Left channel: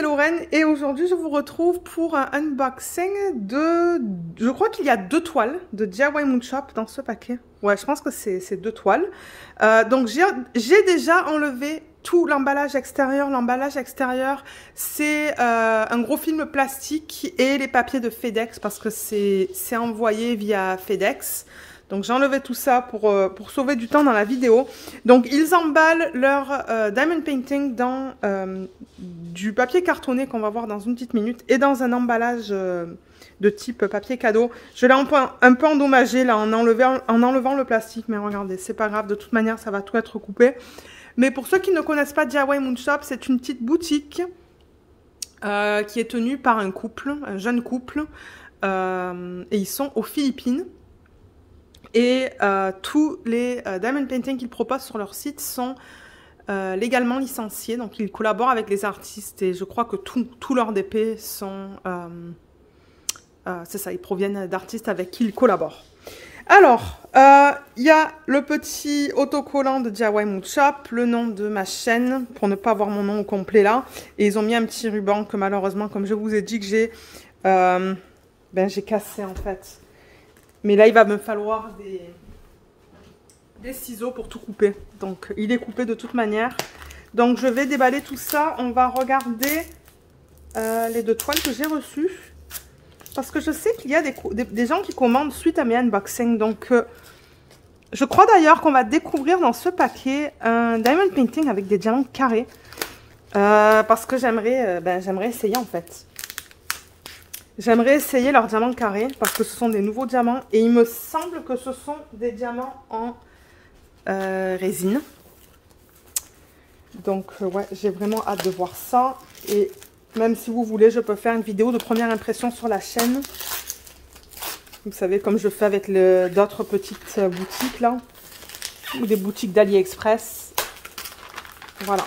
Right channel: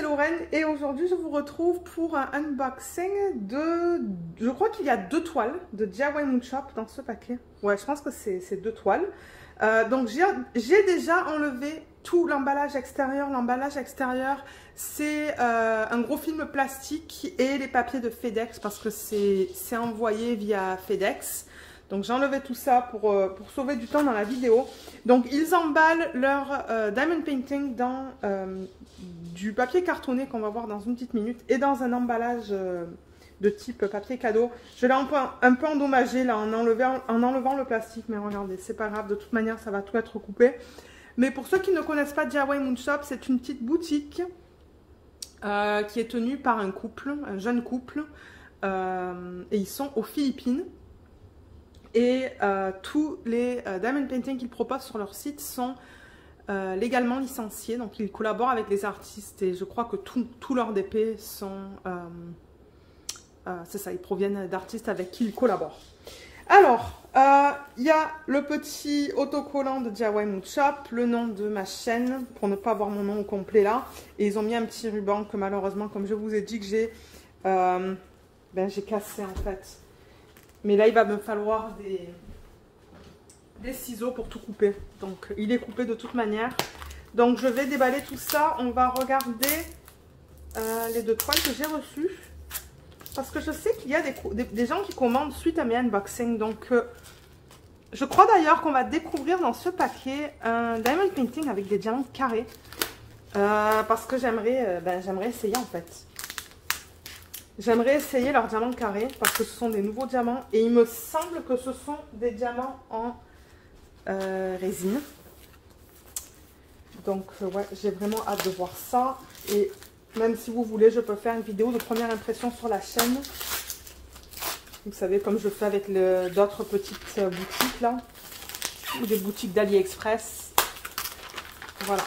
c'est Lorraine et aujourd'hui je vous retrouve pour un unboxing de... Je crois qu'il y a 2 toiles de DIY Moon Shop dans ce paquet. Ouais, je pense que c'est 2 toiles. Donc j'ai déjà enlevé tout l'emballage extérieur. L'emballage extérieur, c'est un gros film plastique et les papiers de FedEx parce que c'est envoyé via FedEx. Donc j'ai enlevé tout ça pour sauver du temps dans la vidéo. Donc ils emballent leur diamond painting dans du papier cartonné qu'on va voir dans une petite minute et dans un emballage de type papier cadeau. Je l'ai un peu endommagé là en enlevant le plastique, mais regardez, c'est pas grave, de toute manière ça va tout être coupé. Mais pour ceux qui ne connaissent pas DIY Moon Shop, c'est une petite boutique qui est tenue par un couple, un jeune couple, et ils sont aux Philippines. Et tous les diamond paintings qu'ils proposent sur leur site sont légalement licenciés. Donc ils collaborent avec les artistes et je crois que tous leurs DP sont... c'est ça, ils proviennent d'artistes avec qui ils collaborent. Alors, il y a le petit autocollant de DIY Moon Shop, le nom de ma chaîne, pour ne pas avoir mon nom au complet là. Et ils ont mis un petit ruban que malheureusement, comme je vous ai dit, que j'ai cassé en fait. Mais là, il va me falloir des ciseaux pour tout couper. Donc, il est coupé de toute manière. Donc, je vais déballer tout ça. On va regarder les 2 toiles que j'ai reçues. Parce que je sais qu'il y a des gens qui commandent suite à mes unboxings. Donc, je crois d'ailleurs qu'on va découvrir dans ce paquet un diamond painting avec des diamants carrés. Parce que j'aimerais essayer en fait. J'aimerais essayer leurs diamants carrés parce que ce sont des nouveaux diamants et il me semble que ce sont des diamants en résine. Donc ouais, j'ai vraiment hâte de voir ça. Et même si vous voulez, je peux faire une vidéo de première impression sur la chaîne. Vous savez, comme je fais avec d'autres petites boutiques là. Ou des boutiques d'AliExpress. Voilà.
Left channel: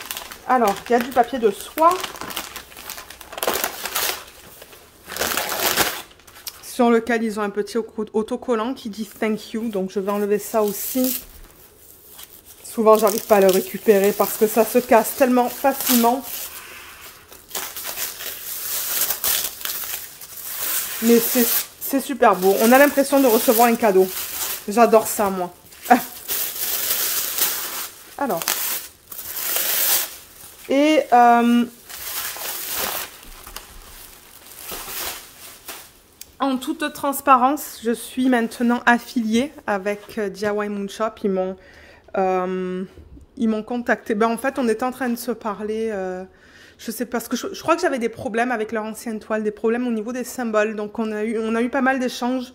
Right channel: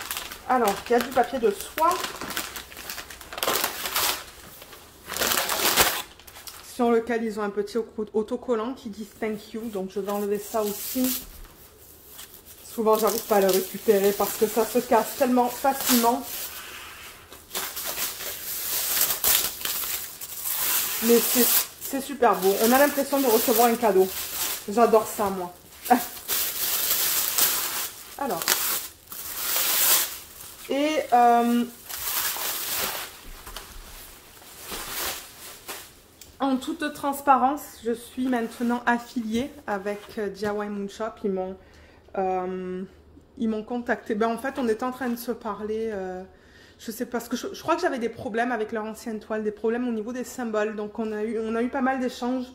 Alors, il y a du papier de soie. Sur lequel ils ont un petit autocollant qui dit thank you. Donc je vais enlever ça aussi. Souvent j'arrive pas à le récupérer parce que ça se casse tellement facilement. Mais c'est super beau. On a l'impression de recevoir un cadeau. J'adore ça moi. Alors. Et... en toute transparence, je suis maintenant affiliée avec DIY Moon Shop. Ils m'ont contacté. En fait, on était en train de se parler. Je sais pas, parce que je crois que j'avais des problèmes avec leur ancienne toile, des problèmes au niveau des symboles. Donc, on a eu pas mal d'échanges.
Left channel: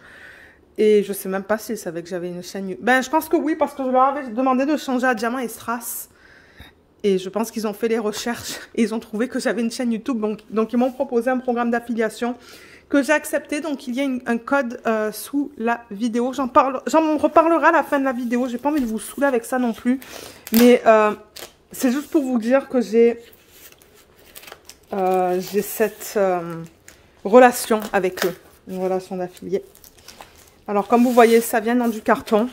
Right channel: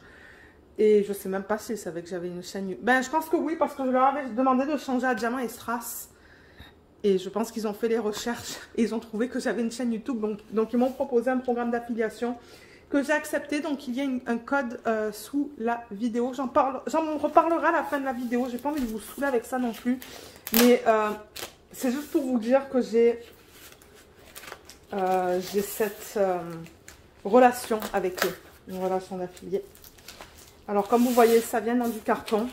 Et je sais même pas s'ils savaient que j'avais une chaîne. Je pense que oui, parce que je leur avais demandé de changer à Diamant et Strass. Et je pense qu'ils ont fait les recherches et ils ont trouvé que j'avais une chaîne YouTube. Donc ils m'ont proposé un programme d'affiliation que j'ai accepté. Donc il y a un code sous la vidéo. J'en reparlerai à la fin de la vidéo. J'ai pas envie de vous saouler avec ça non plus. Mais c'est juste pour vous dire que j'ai cette relation avec eux. Une relation d'affilié. Alors comme vous voyez, ça vient dans du carton.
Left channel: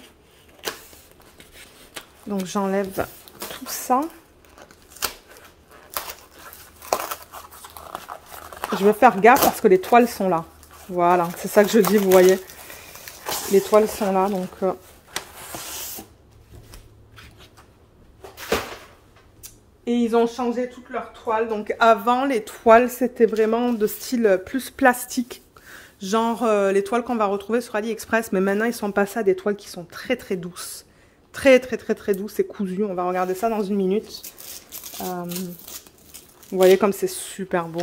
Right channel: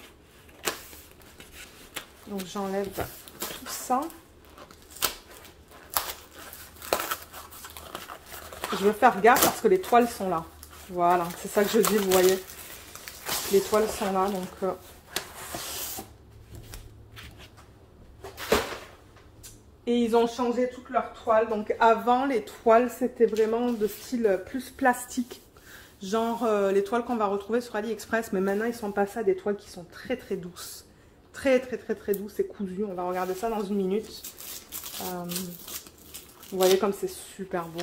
Donc j'enlève tout ça. Je vais faire gaffe parce que les toiles sont là. Voilà, c'est ça que je dis, vous voyez. Les toiles sont là, donc... Et ils ont changé toutes leurs toiles. Donc avant, les toiles, c'était vraiment de style plus plastique. Genre les toiles qu'on va retrouver sur AliExpress. Mais maintenant, ils sont passés à des toiles qui sont très très douces. Très douces et cousues. On va regarder ça dans une minute. Vous voyez comme c'est super beau.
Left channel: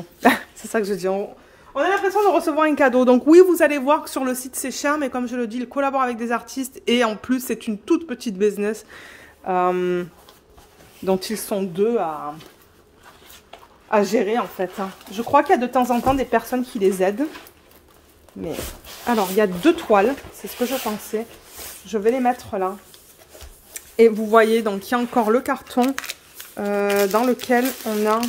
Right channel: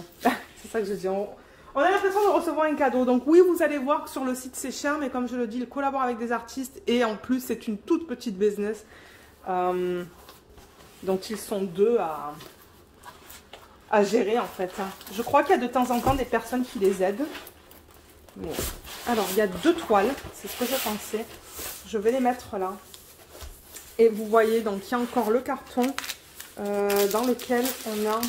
C'est ça que je dis. On a l'impression de recevoir un cadeau. Donc oui, vous allez voir que sur le site, c'est cher. Mais comme je le dis, ils collaborent avec des artistes. Et en plus, c'est une toute petite business. Dont ils sont 2 à gérer en fait. Je crois qu'il y a de temps en temps des personnes qui les aident. Mais alors, il y a 2 toiles. C'est ce que je pensais. Je vais les mettre là. Et vous voyez, donc il y a encore le carton dans lequel on a...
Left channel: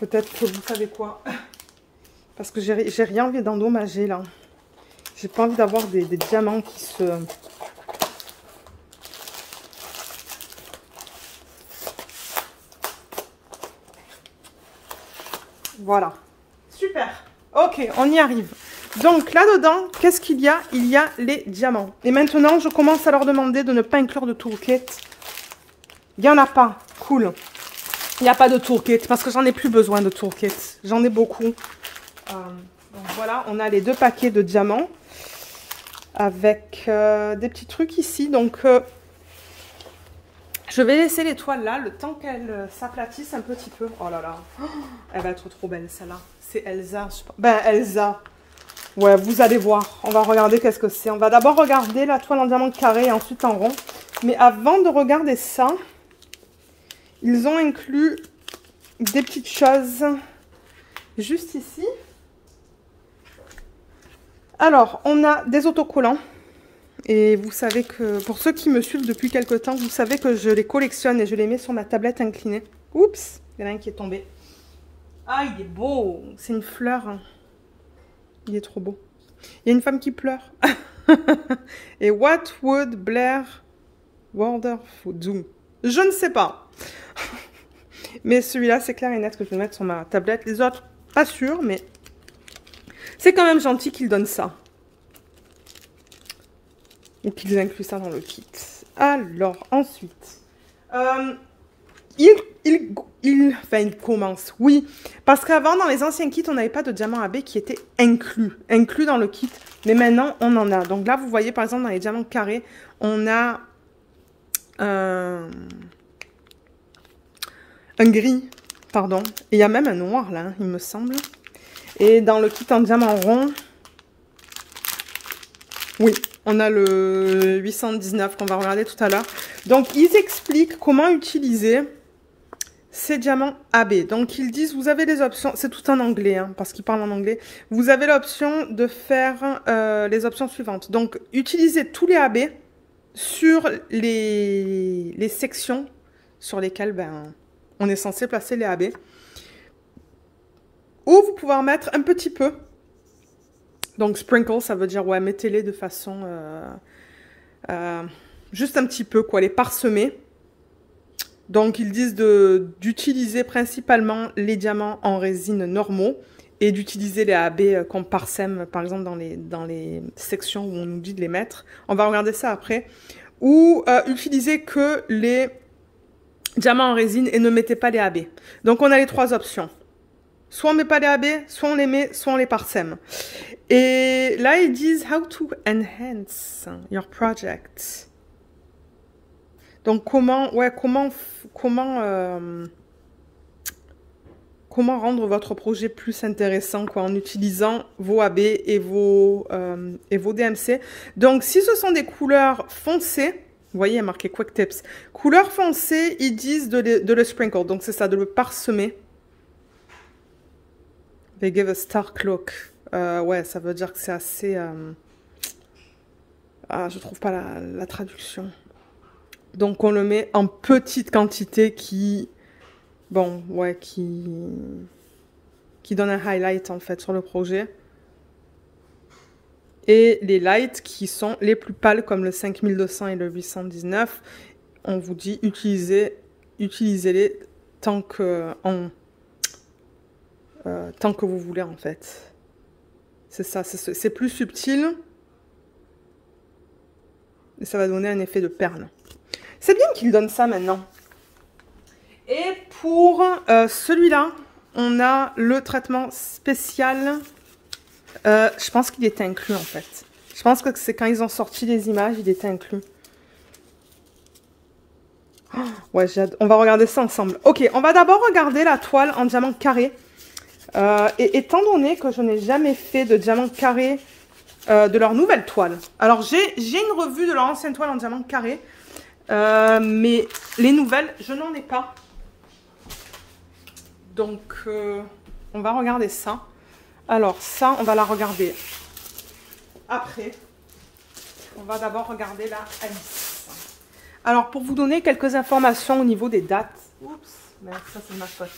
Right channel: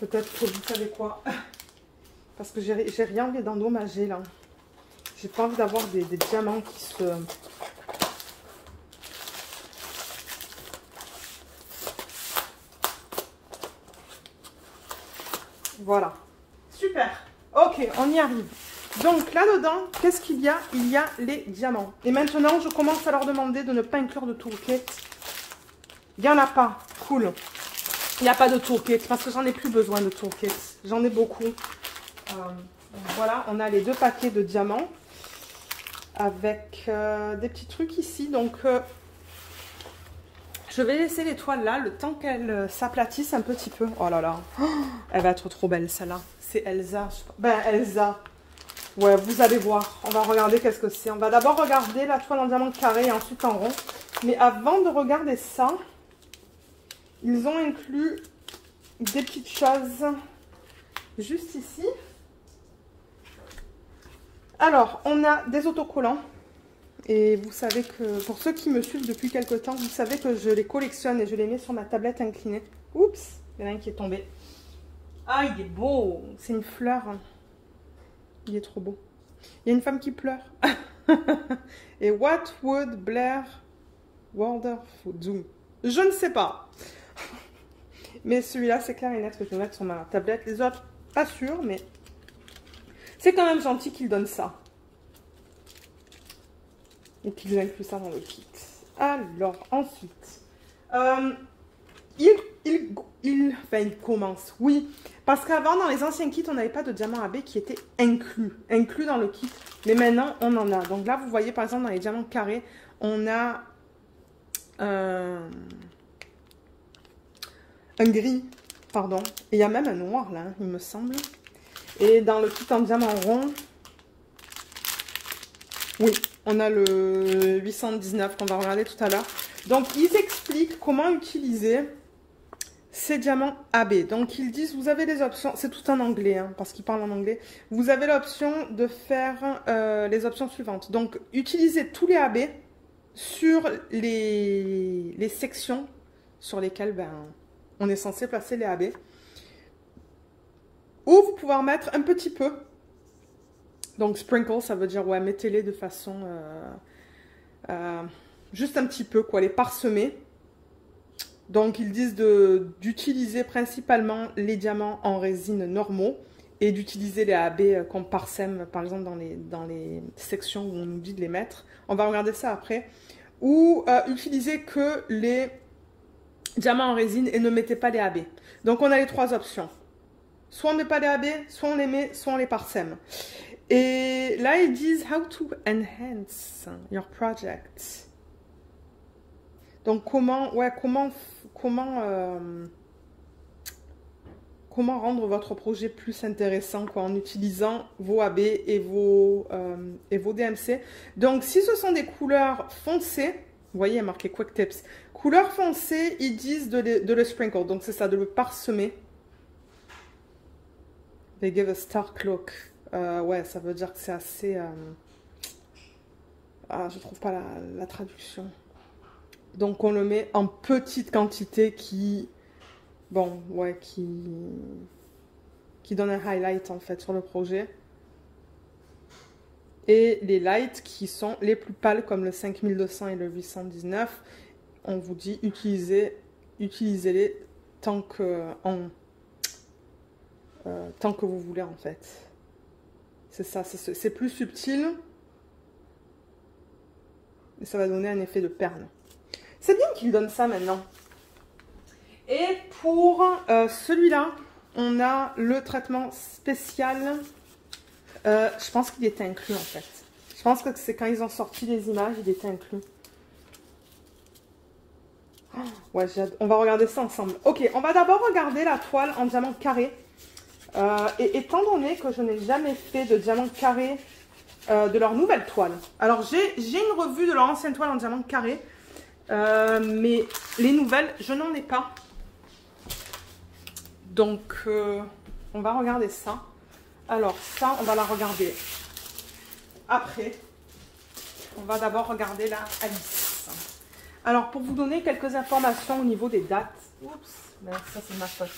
Peut-être que vous savez quoi. Parce que j'ai rien envie d'endommager là. J'ai pas envie d'avoir des diamants qui se... Voilà. Super. Ok, on y arrive. Donc là-dedans, qu'est-ce qu'il y a? Il y a les diamants. Et maintenant, je commence à leur demander de ne pas inclure de toolkit. Il n'y en a pas. Cool. Il n'y a pas de toolkit parce que j'en ai plus besoin de toolkit. J'en ai beaucoup. Donc voilà, on a les 2 paquets de diamants avec des petits trucs ici. Donc, je vais laisser les toiles là le temps qu'elles s'aplatissent un petit peu. Oh là là, elle va être trop belle celle-là. C'est Elsa. Ben Elsa. Ouais, vous allez voir. On va regarder qu'est-ce que c'est. On va d'abord regarder la toile en diamant carré et ensuite en rond. Mais avant de regarder ça, ils ont inclus des petites choses juste ici. Alors, on a des autocollants. Et vous savez que, pour ceux qui me suivent depuis quelques temps, vous savez que je les collectionne et je les mets sur ma tablette inclinée. Oups, il y en a un qui est tombé. Ah, il est beau. C'est une fleur. Il est trop beau. Il y a une femme qui pleure. Et what would Blair Wonderful do? Je ne sais pas. Mais celui-là, c'est clair et net que je vais mettre sur ma tablette. Les autres, pas sûr, mais c'est quand même gentil qu'ils donnent ça. Et qu'ils incluent ça dans le kit. Alors, ensuite, il commence, oui. Parce qu'avant, dans les anciens kits, on n'avait pas de diamants AB qui étaient inclus dans le kit. Mais maintenant, on en a. Donc là, vous voyez, par exemple, dans les diamants carrés, on a un gris, pardon. Et il y a même un noir, là, il me semble. Et dans le kit en diamant rond, oui, on a le 819 qu'on va regarder tout à l'heure. Donc, ils expliquent comment utiliser ces diamants AB. Donc, ils disent, vous avez les options, c'est tout en anglais, hein, parce qu'ils parlent en anglais. Vous avez l'option de faire les options suivantes. Donc, utilisez tous les AB sur les sections sur lesquelles on est censé placer les AB. Ou vous pouvez en mettre un petit peu. Donc, sprinkle, ça veut dire, ouais, mettez-les de façon, juste un petit peu, quoi, les parsemer. Donc, ils disent d'utiliser principalement les diamants en résine normaux et d'utiliser les AB qu'on parsème, par exemple, dans les sections où on nous dit de les mettre. On va regarder ça après. Ou utiliser que les diamants en résine et ne mettez pas les AB. Donc, on a les 3 options. Soit on ne met pas les AB, soit on les met, soit on les parsème. Et là, ils disent « How to enhance your project ». Donc, comment rendre votre projet plus intéressant, quoi, en utilisant vos AB et vos DMC. Donc, si ce sont des couleurs foncées, vous voyez, il y a marqué Quick Tips. Couleurs foncées, ils disent de le sprinkle. Donc, c'est ça, de le parsemer. They give a stark look. Ouais, ça veut dire que c'est assez... je trouve pas la traduction. Donc, on le met en petite quantité qui... Bon, ouais, qui donne un highlight, en fait, sur le projet. Et les lights qui sont les plus pâles, comme le 5200 et le 819, on vous dit utilisez-les tant que vous voulez, en fait. C'est ça, c'est plus subtil. Et ça va donner un effet de perle. C'est bien qu'il donne ça maintenant. Et pour celui-là, on a le traitement spécial. Je pense qu'il était inclus, en fait. Je pense que c'est quand ils ont sorti les images, il était inclus. Oh, ouais, on va regarder ça ensemble. Ok, on va d'abord regarder la toile en diamant carré. Et étant donné que je n'ai jamais fait de diamant carré de leur nouvelle toile. Alors, j'ai une revue de leur ancienne toile en diamant carré. Mais les nouvelles, je n'en ai pas. Donc, on va regarder ça. Alors, ça, on va la regarder après. On va d'abord regarder la Alice. Alors, pour vous donner quelques informations au niveau des dates. Oups, merde, ça c'est ma faute.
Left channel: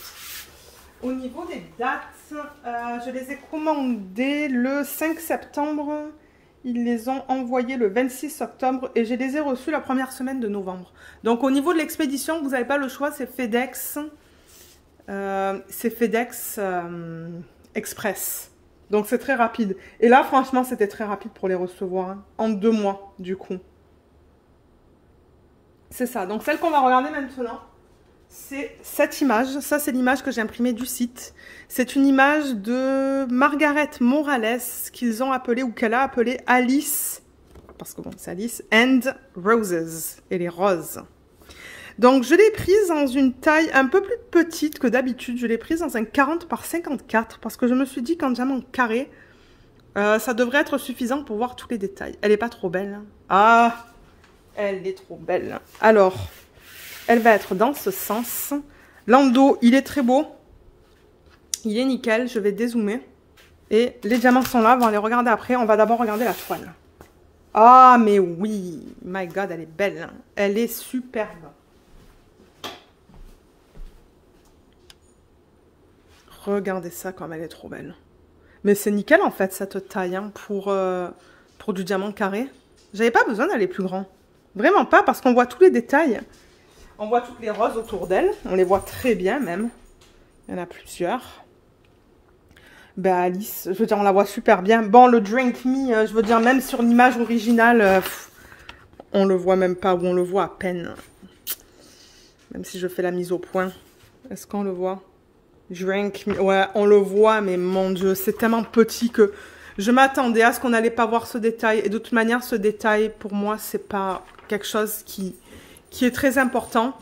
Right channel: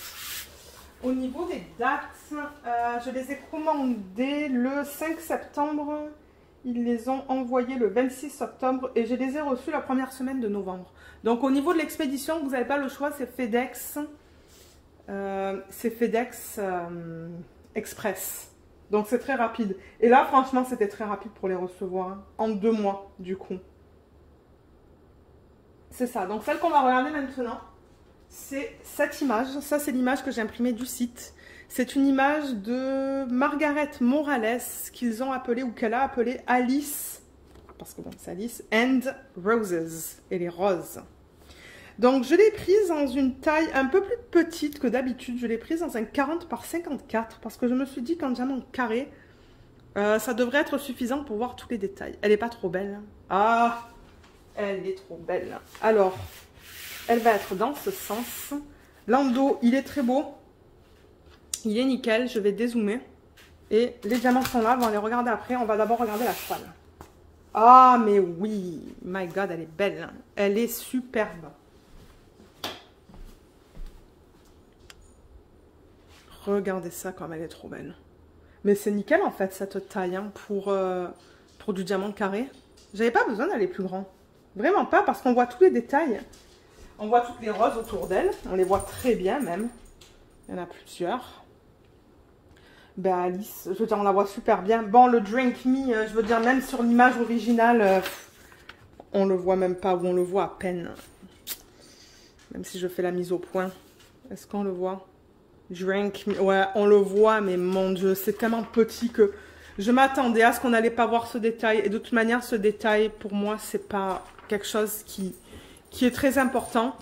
Au niveau des dates, je les ai commandées le 5 septembre. Ils les ont envoyés le 26 octobre et je les ai reçus la première semaine de novembre. Donc, au niveau de l'expédition, vous n'avez pas le choix, c'est FedEx. C'est FedEx Express. Donc c'est très rapide. Et là, franchement, c'était très rapide pour les recevoir. Hein. En 2 mois, du coup. C'est ça. Donc celle qu'on va regarder maintenant, c'est cette image. Ça, c'est l'image que j'ai imprimée du site. C'est une image de Margaret Morales qu'ils ont appelée, ou qu'elle a appelée Alice. Parce que bon, c'est Alice. And Roses. Et les roses. Donc je l'ai prise dans une taille un peu plus petite que d'habitude. Je l'ai prise dans un 40 par 54. Parce que je me suis dit qu'en diamant carré, ça devrait être suffisant pour voir tous les détails. Elle n'est pas trop belle. Hein. Ah, elle est trop belle. Alors, elle va être dans ce sens. L'endos, il est très beau. Il est nickel. Je vais dézoomer. Et les diamants sont là. On va les regarder après. On va d'abord regarder la toile. Ah, mais oui. My God, elle est belle. Elle est superbe. Regardez ça comme elle est trop belle. Mais c'est nickel en fait cette taille hein, pour du diamant carré. J'avais pas besoin d'aller plus grand. Vraiment pas parce qu'on voit tous les détails. On voit toutes les roses autour d'elle. On les voit très bien même. Il y en a plusieurs. Ben Alice, je veux dire on la voit super bien. Bon le Drink Me, je veux dire même sur l'image originale, on le voit même pas ou on le voit à peine. Même si je fais la mise au point. Est-ce qu'on le voit? Drink Me, ouais on le voit mais mon Dieu c'est tellement petit que... Je m'attendais à ce qu'on n'allait pas voir ce détail. Et de toute manière, ce détail, pour moi, c'est pas quelque chose qui est très important.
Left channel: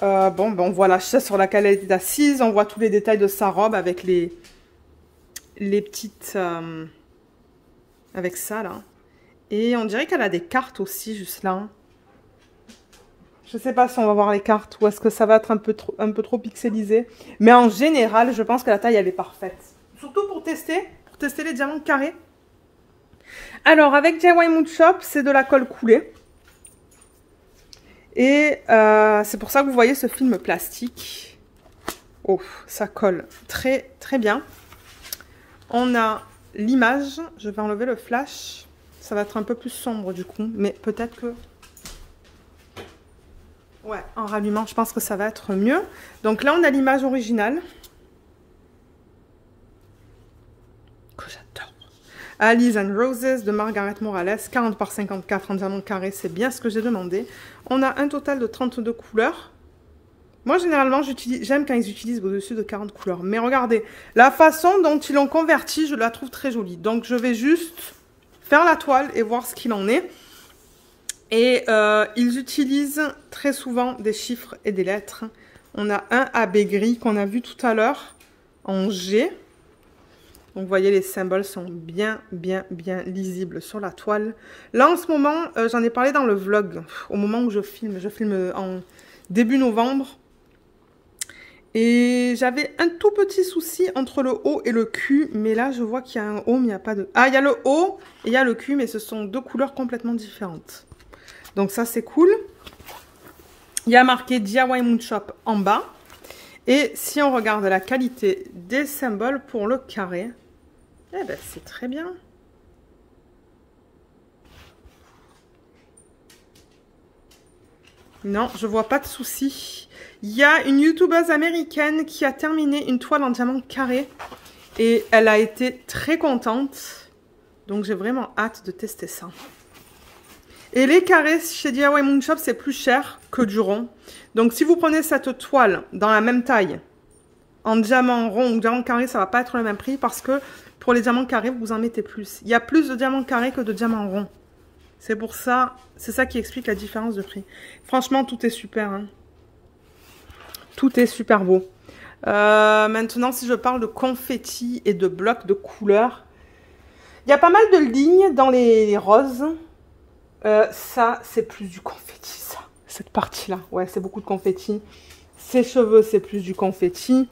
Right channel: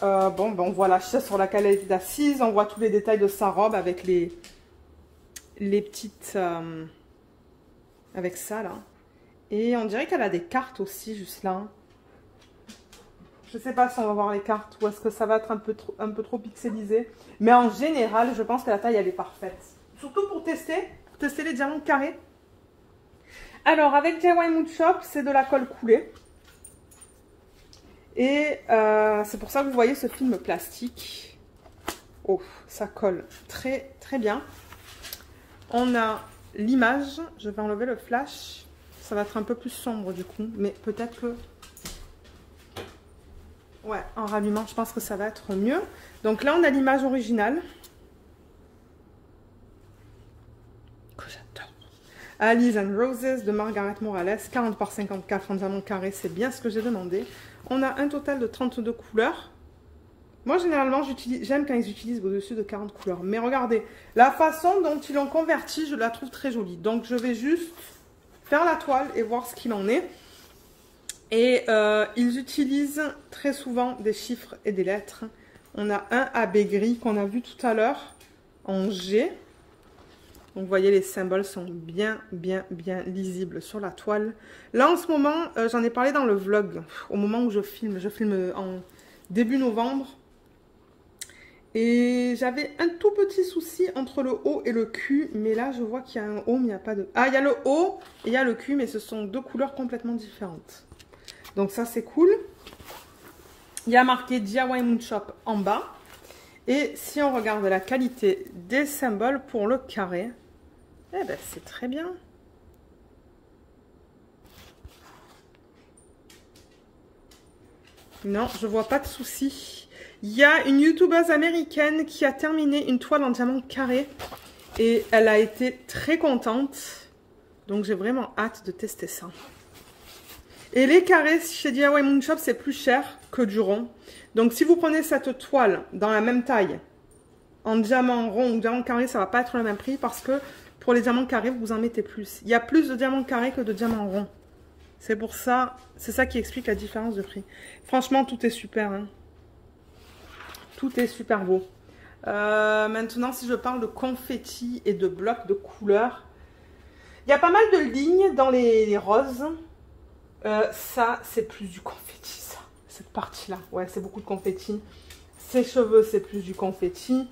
Bon, on voit la chaise sur laquelle elle était assise. On voit tous les détails de sa robe avec les petites... avec ça, là. Et on dirait qu'elle a des cartes aussi, juste là. Je sais pas si on va voir les cartes ou est-ce que ça va être un peu trop pixelisé. Mais en général, je pense que la taille, elle est parfaite. Surtout pour tester les diamants carrés. Alors, avec DIY Mood Shop, c'est de la colle coulée. Et c'est pour ça que vous voyez ce film plastique. Oh, ça colle très, très bien. On a l'image. Je vais enlever le flash. Ça va être un peu plus sombre du coup. Mais peut-être que... Ouais, en rallumant, je pense que ça va être mieux. Donc là, on a l'image originale. Alice and Roses de Margaret Morales, 40 par 54 en diamant carré, c'est bien ce que j'ai demandé. On a un total de 32 couleurs. Moi, généralement, j'aime quand ils utilisent au-dessus de 40 couleurs. Mais regardez, la façon dont ils l'ont converti, je la trouve très jolie. Donc, je vais juste faire la toile et voir ce qu'il en est. Et ils utilisent très souvent des chiffres et des lettres. On a un AB gris qu'on a vu tout à l'heure en G. Donc, vous voyez, les symboles sont bien lisibles sur la toile. Là, en ce moment, j'en ai parlé dans le vlog, au moment où je filme en début novembre. Et j'avais un tout petit souci entre le O et le Q. Mais là, je vois qu'il y a un O, mais il n'y a pas de... Ah, il y a le O et il y a le Q, mais ce sont deux couleurs complètement différentes. Donc, ça, c'est cool. Il y a marqué DIY Mood Shop en bas. Et si on regarde la qualité des symboles pour le carré... Eh ben, c'est très bien. Non, je vois pas de souci. Il y a une youtubeuse américaine qui a terminé une toile en diamant carré. Et elle a été très contente. Donc, j'ai vraiment hâte de tester ça. Et les carrés chez DIY Mood Shop, c'est plus cher que du rond. Donc, si vous prenez cette toile dans la même taille, en diamant rond ou diamant carré, ça va pas être le même prix parce que pour les diamants carrés, vous en mettez plus. Il y a plus de diamants carrés que de diamants ronds. C'est pour ça, c'est ça qui explique la différence de prix. Franchement, tout est super. Hein. Tout est super beau. Maintenant, si je parle de confetti et de blocs de couleurs, il y a pas mal de lignes dans les roses. Ça, c'est plus du confetti, ça. Cette partie-là. Ouais, c'est beaucoup de confetti. Ses cheveux, c'est plus du confetti.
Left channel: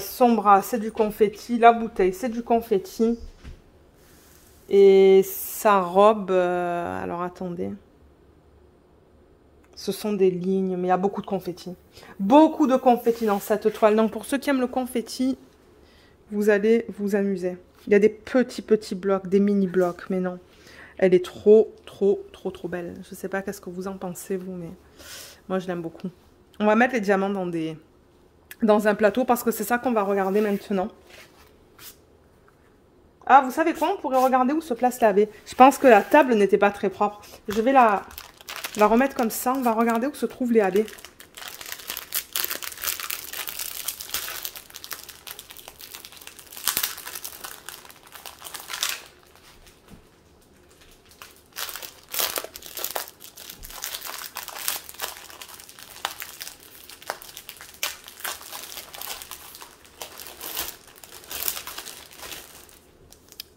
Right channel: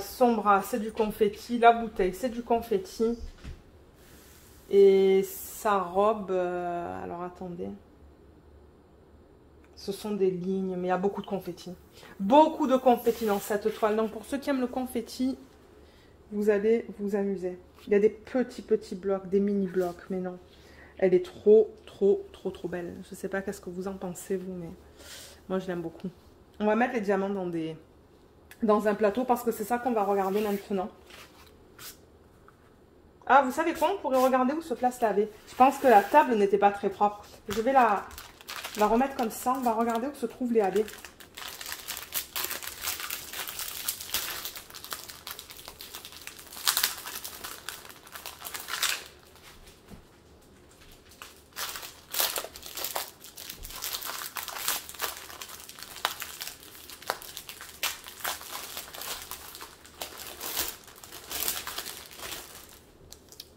Son bras, c'est du confetti. La bouteille, c'est du confetti. Et sa robe, alors attendez. Ce sont des lignes, mais il y a beaucoup de confetti. Beaucoup de confetti dans cette toile. Donc pour ceux qui aiment le confetti, vous allez vous amuser. Il y a des petits blocs, des mini blocs, mais non. Elle est trop belle. Je ne sais pas qu'est-ce que vous en pensez, vous, mais moi je l'aime beaucoup. On va mettre les diamants dans un plateau parce que c'est ça qu'on va regarder maintenant. Ah, vous savez quoi? On pourrait regarder où se place la baie. Je pense que la table n'était pas très propre. Je vais la remettre comme ça. On va regarder où se trouvent les AB.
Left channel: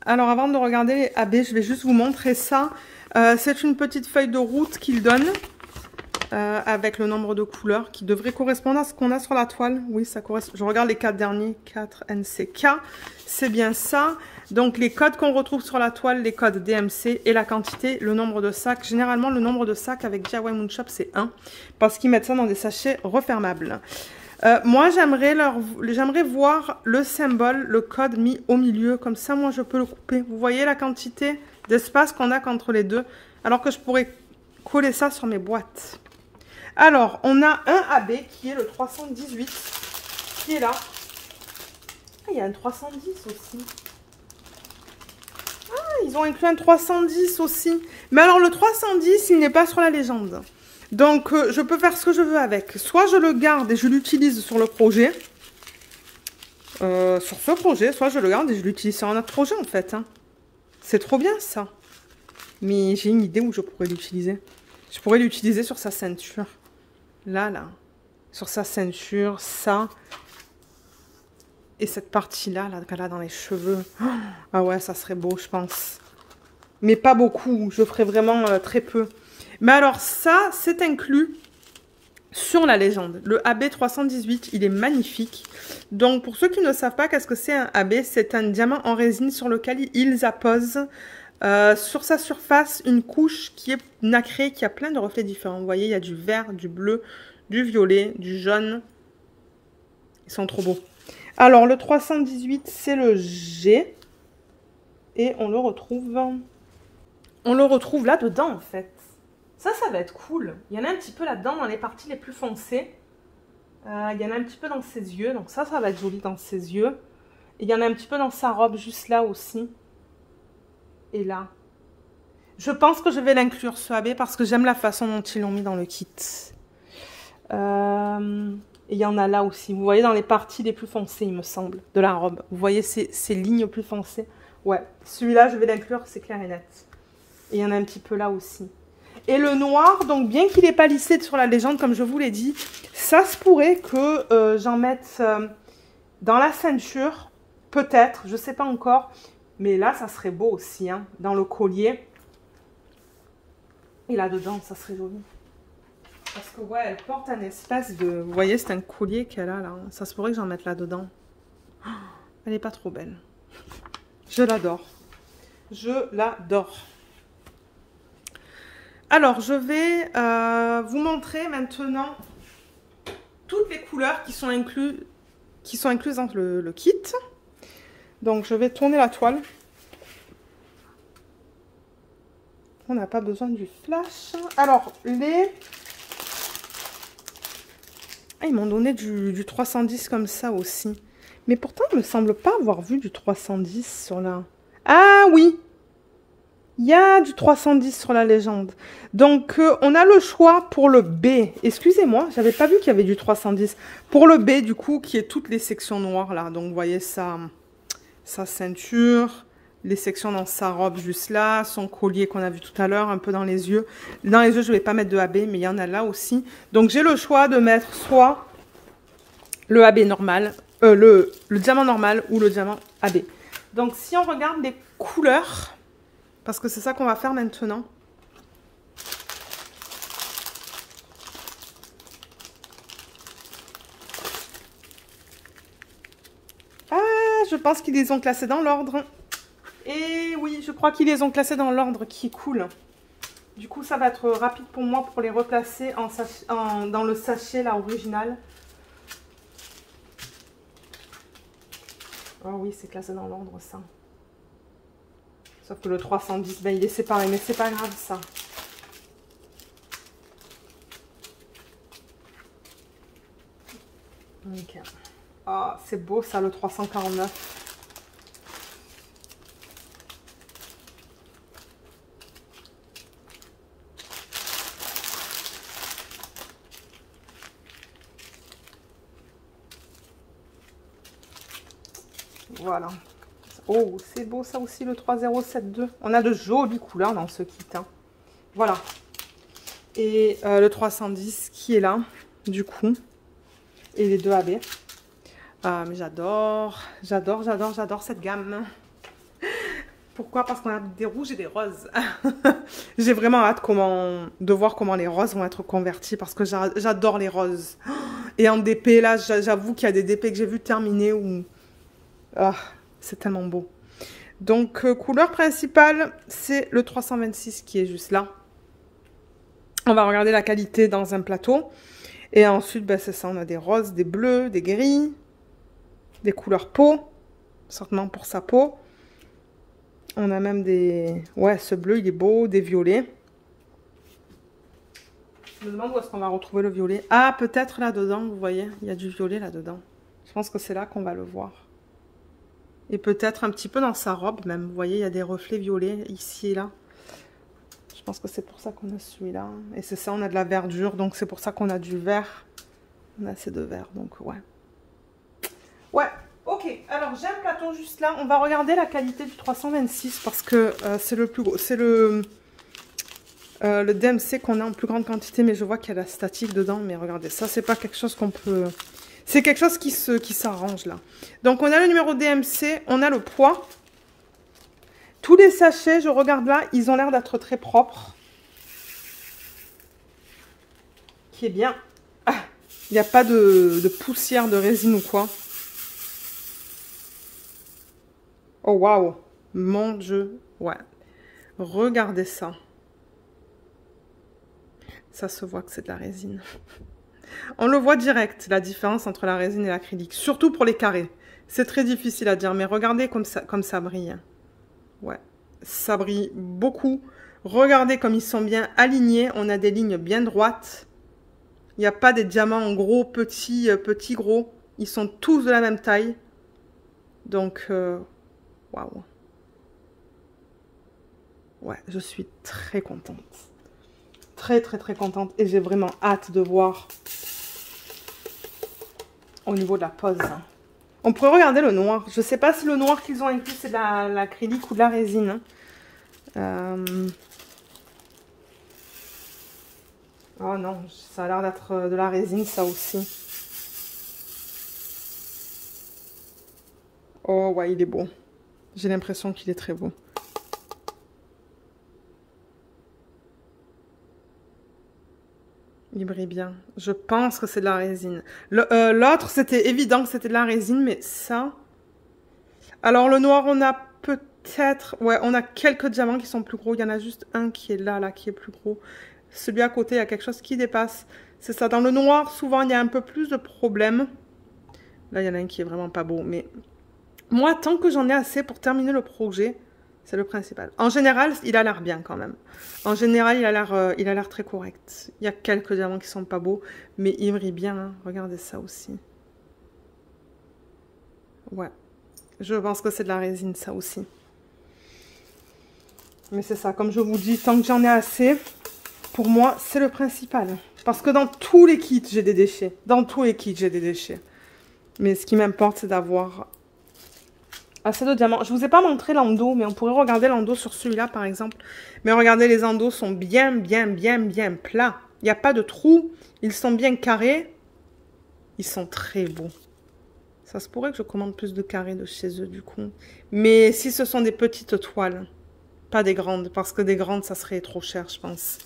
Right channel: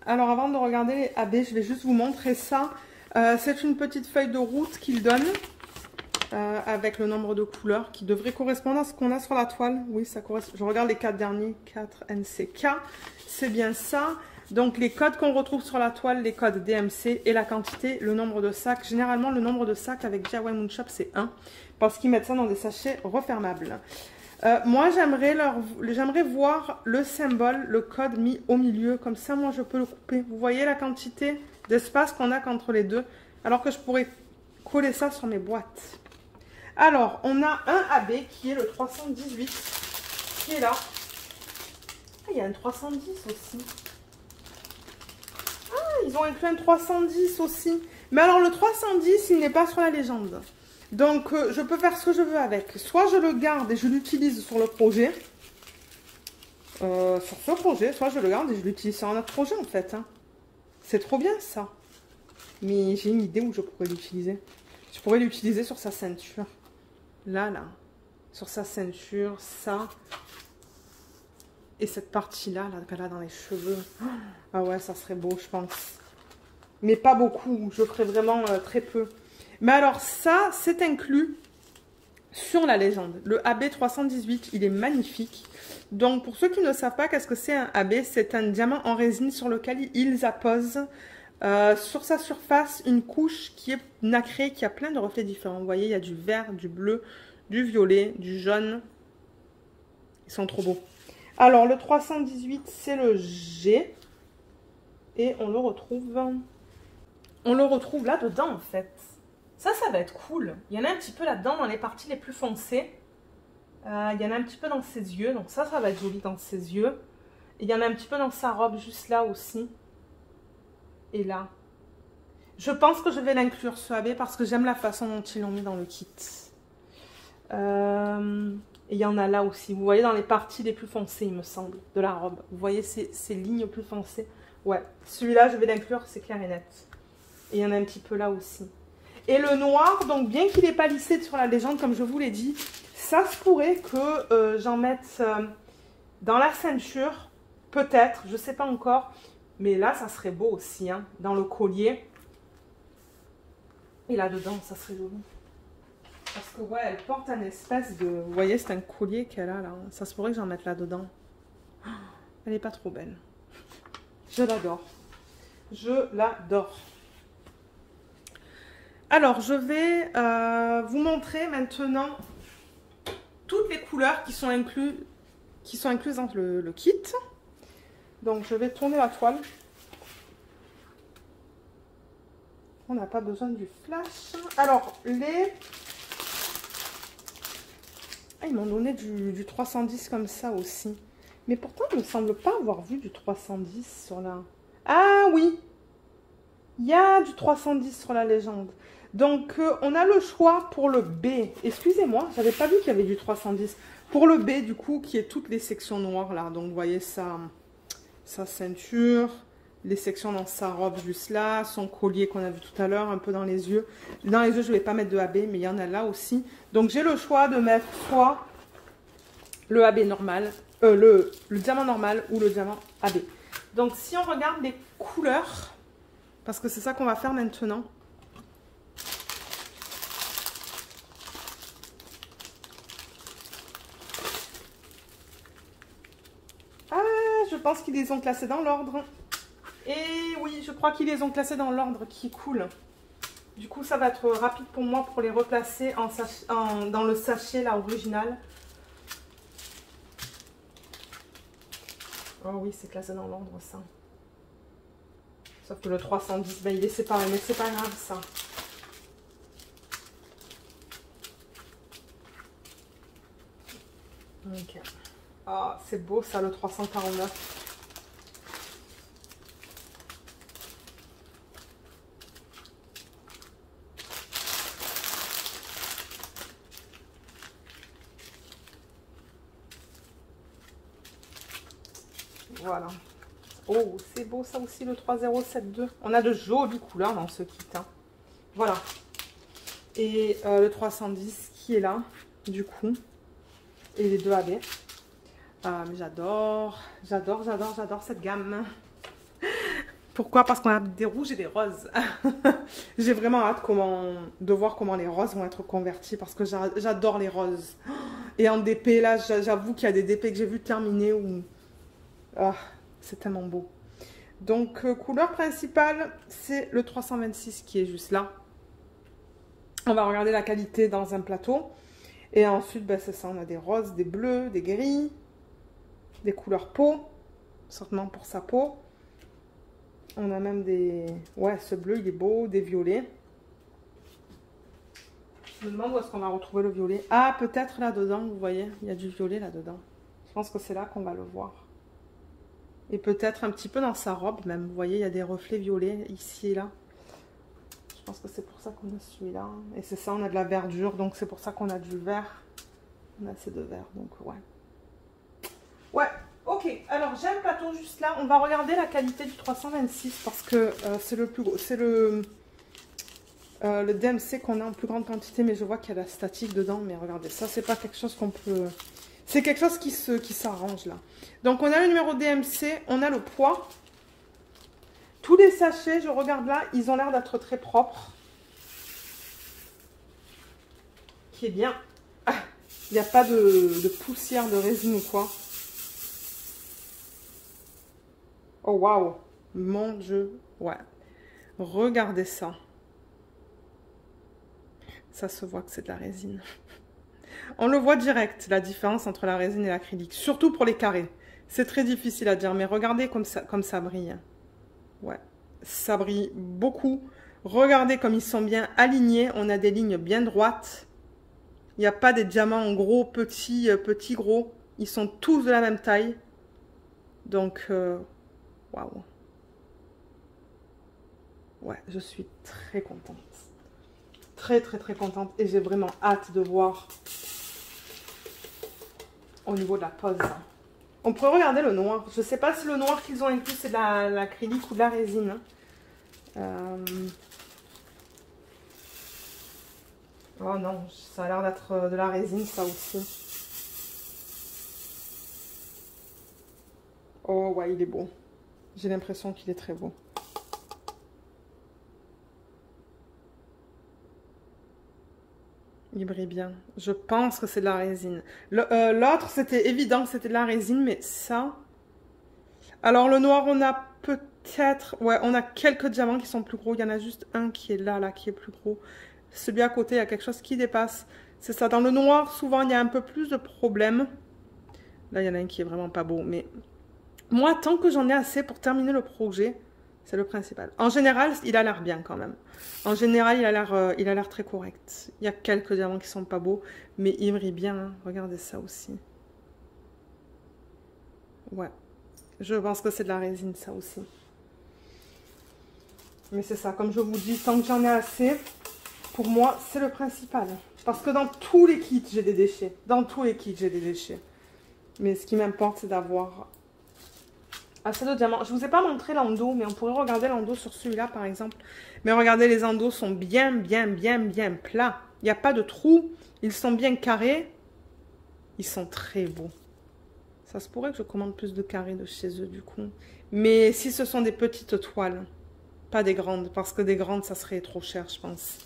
Alors, avant de regarder les AB, je vais juste vous montrer ça. C'est une petite feuille de route qu'il donne avec le nombre de couleurs qui devrait correspondre à ce qu'on a sur la toile. Oui, ça correspond. Je regarde les 4 derniers. 4 NCK. C'est bien ça. Donc, les codes qu'on retrouve sur la toile, les codes DMC et la quantité, le nombre de sacs. Généralement, le nombre de sacs avec DIY Moon Shop, c'est 1 parce qu'ils mettent ça dans des sachets refermables. Moi, j'aimerais voir le symbole, le code mis au milieu. Comme ça, moi, je peux le couper. Vous voyez la quantité d'espace qu'on a qu'entre les deux. Alors que je pourrais coller ça sur mes boîtes. Alors, on a un AB qui est le 318. Qui est là. Ah, il y a un 310 aussi. Ah, ils ont inclus un 310 aussi. Mais alors, le 310, il n'est pas sur la légende. Donc, je peux faire ce que je veux avec. Soit je le garde et je l'utilise sur le projet. Sur ce projet. Soit je le garde et je l'utilise sur un autre projet, en fait. Hein. C'est trop bien, ça. Mais j'ai une idée où je pourrais l'utiliser. Je pourrais l'utiliser sur sa ceinture. Là. Sur sa ceinture, ça. Et cette partie-là, là, qu'elle a dans les cheveux. Ah ouais, ça serait beau, je pense. Mais pas beaucoup. Je ferais vraiment très peu. Mais alors ça, c'est inclus sur la légende. Le AB 318, il est magnifique. Donc pour ceux qui ne savent pas qu'est-ce que c'est un AB, c'est un diamant en résine sur lequel ils apposent sur sa surface une couche qui est nacrée, qui a plein de reflets différents. Vous voyez, il y a du vert, du bleu, du violet, du jaune. Ils sont trop beaux. Alors le 318, c'est le G. Et on le retrouve là-dedans en fait. Ça va être cool. Il y en a un petit peu là-dedans dans les parties les plus foncées. Il y en a un petit peu dans ses yeux. Donc ça va être joli dans ses yeux. Et il y en a un petit peu dans sa robe juste là aussi. Et là. Je pense que je vais l'inclure ce AB parce que j'aime la façon dont ils l'ont mis dans le kit. Et il y en a là aussi. Vous voyez dans les parties les plus foncées, il me semble, de la robe. Vous voyez ces lignes plus foncées. Ouais, celui-là, je vais l'inclure, c'est clair et net. Et il y en a un petit peu là aussi. Et le noir, donc bien qu'il n'ait pas lissé sur la légende, comme je vous l'ai dit, ça se pourrait que j'en mette dans la ceinture, peut-être, je ne sais pas encore. Mais là, ça serait beau aussi, hein, dans le collier. Et là-dedans, ça serait joli. Parce que, ouais, elle porte un espèce de... Vous voyez, c'est un collier qu'elle a, là. Ça se pourrait que j'en mette là-dedans. Oh, elle n'est pas trop belle. Je l'adore. Je l'adore. Alors, je vais vous montrer maintenant toutes les couleurs qui sont incluses dans le kit. Donc, je vais tourner la toile. On n'a pas besoin du flash. Alors, ils m'ont donné du 310 comme ça aussi. Mais pourtant, il ne me semble pas avoir vu du 310 sur la... Ah oui! Il y a du 310 sur la légende. Donc, on a le choix pour le B. Excusez-moi, j'avais pas vu qu'il y avait du 310. Pour le B, du coup, qui est toutes les sections noires, là. Donc, vous voyez sa ceinture, les sections dans sa robe juste là, son collier qu'on a vu tout à l'heure, un peu dans les yeux. Dans les yeux, je ne vais pas mettre de AB, mais il y en a là aussi. Donc, j'ai le choix de mettre soit le AB normal, le diamant normal ou le diamant AB. Donc, si on regarde les couleurs... Parce que c'est ça qu'on va faire maintenant. Ah, je pense qu'ils les ont classés dans l'ordre. Et oui, je crois qu'ils les ont classés dans l'ordre qui est cool. Du coup, ça va être rapide pour moi pour les replacer dans le sachet, là, original. Oh oui, c'est classé dans l'ordre, ça. Sauf que le 310, ben, il est séparé, mais c'est pas grave ça. Ok. Ah, c'est beau ça, le 349. Voilà. Oh, c'est beau ça aussi, le 3072. On a de jolies couleurs dans ce kit. Hein. Voilà. Et le 310 qui est là, du coup. Et les deux AB. Mais j'adore cette gamme. Pourquoi? Parce qu'on a des rouges et des roses. J'ai vraiment hâte de voir comment les roses vont être convertis parce que j'adore les roses. Et en DP, là, j'avoue qu'il y a des DP que j'ai vu terminer où... Oh, c'est tellement beau. Donc, couleur principale, c'est le 326 qui est juste là. On va regarder la qualité dans un plateau. Et ensuite, ben, c'est ça, on a des roses, des bleus, des gris, des couleurs peau, certainement pour sa peau. On a même des... Ouais, ce bleu, il est beau, des violets. Je me demande où est-ce qu'on va retrouver le violet. Ah, peut-être là-dedans, vous voyez, il y a du violet là-dedans. Je pense que c'est là qu'on va le voir. Et peut-être un petit peu dans sa robe même. Vous voyez, il y a des reflets violets ici et là. Je pense que c'est pour ça qu'on a celui-là. Et c'est ça, on a de la verdure, donc c'est pour ça qu'on a du vert. On a assez de vert, donc ouais. Ouais, ok. Alors, j'ai un plateau juste là. On va regarder la qualité du 326 parce que c'est le plus gros. C'est le DMC qu'on a en plus grande quantité, mais je vois qu'il y a la statique dedans. Mais regardez, ça, c'est pas quelque chose qu'on peut... C'est quelque chose qui s'arrange là. Donc, on a le numéro DMC, on a le poids. Tous les sachets, je regarde là, ils ont l'air d'être très propres. Qui est bien. Ah, il n'y a pas de poussière de résine ou quoi. Oh, waouh. Mon Dieu. Ouais. Regardez ça. Ça se voit que c'est de la résine. On le voit direct, la différence entre la résine et l'acrylique. Surtout pour les carrés. C'est très difficile à dire, mais regardez comme ça brille. Ouais, ça brille beaucoup. Regardez comme ils sont bien alignés. On a des lignes bien droites. Il n'y a pas des diamants en gros, petits, gros. Ils sont tous de la même taille. Donc, waouh. Ouais, je suis très contente. Très, très, très contente. Et j'ai vraiment hâte de voir au niveau de la pose. On pourrait regarder le noir. Je ne sais pas si le noir qu'ils ont inclus, c'est de l'acrylique ou de la résine. Oh non, ça a l'air d'être de la résine, ça aussi. Oh ouais, il est beau. J'ai l'impression qu'il est très beau. Il brille bien. Je pense que c'est de la résine. L'autre, c'était évident que c'était de la résine, mais ça... Alors, le noir, on a peut-être... Ouais, on a quelques diamants qui sont plus gros. Il y en a juste un qui est là, qui est plus gros. Celui à côté, il y a quelque chose qui dépasse. C'est ça. Dans le noir, souvent, il y a un peu plus de problèmes. Là, il y en a un qui est vraiment pas beau. Mais moi, tant que j'en ai assez pour terminer le projet, c'est le principal. En général, il a l'air bien quand même. En général, il a l'air très correct. Il y a quelques diamants qui sont pas beaux, mais il brille bien. Hein. Regardez ça aussi. Ouais. Je pense que c'est de la résine, ça aussi. Mais c'est ça, comme je vous dis, tant que j'en ai assez, pour moi, c'est le principal. Parce que dans tous les kits, j'ai des déchets. Dans tous les kits, j'ai des déchets. Mais ce qui m'importe, c'est d'avoir assez de diamants. Je ne vous ai pas montré l'endos, mais on pourrait regarder l'endos sur celui-là, par exemple. Mais regardez, les endos sont bien plats. Il n'y a pas de trous. Ils sont bien carrés. Ils sont très beaux. Ça se pourrait que je commande plus de carrés de chez eux, du coup. Mais si ce sont des petites toiles, pas des grandes, parce que des grandes, ça serait trop cher, je pense.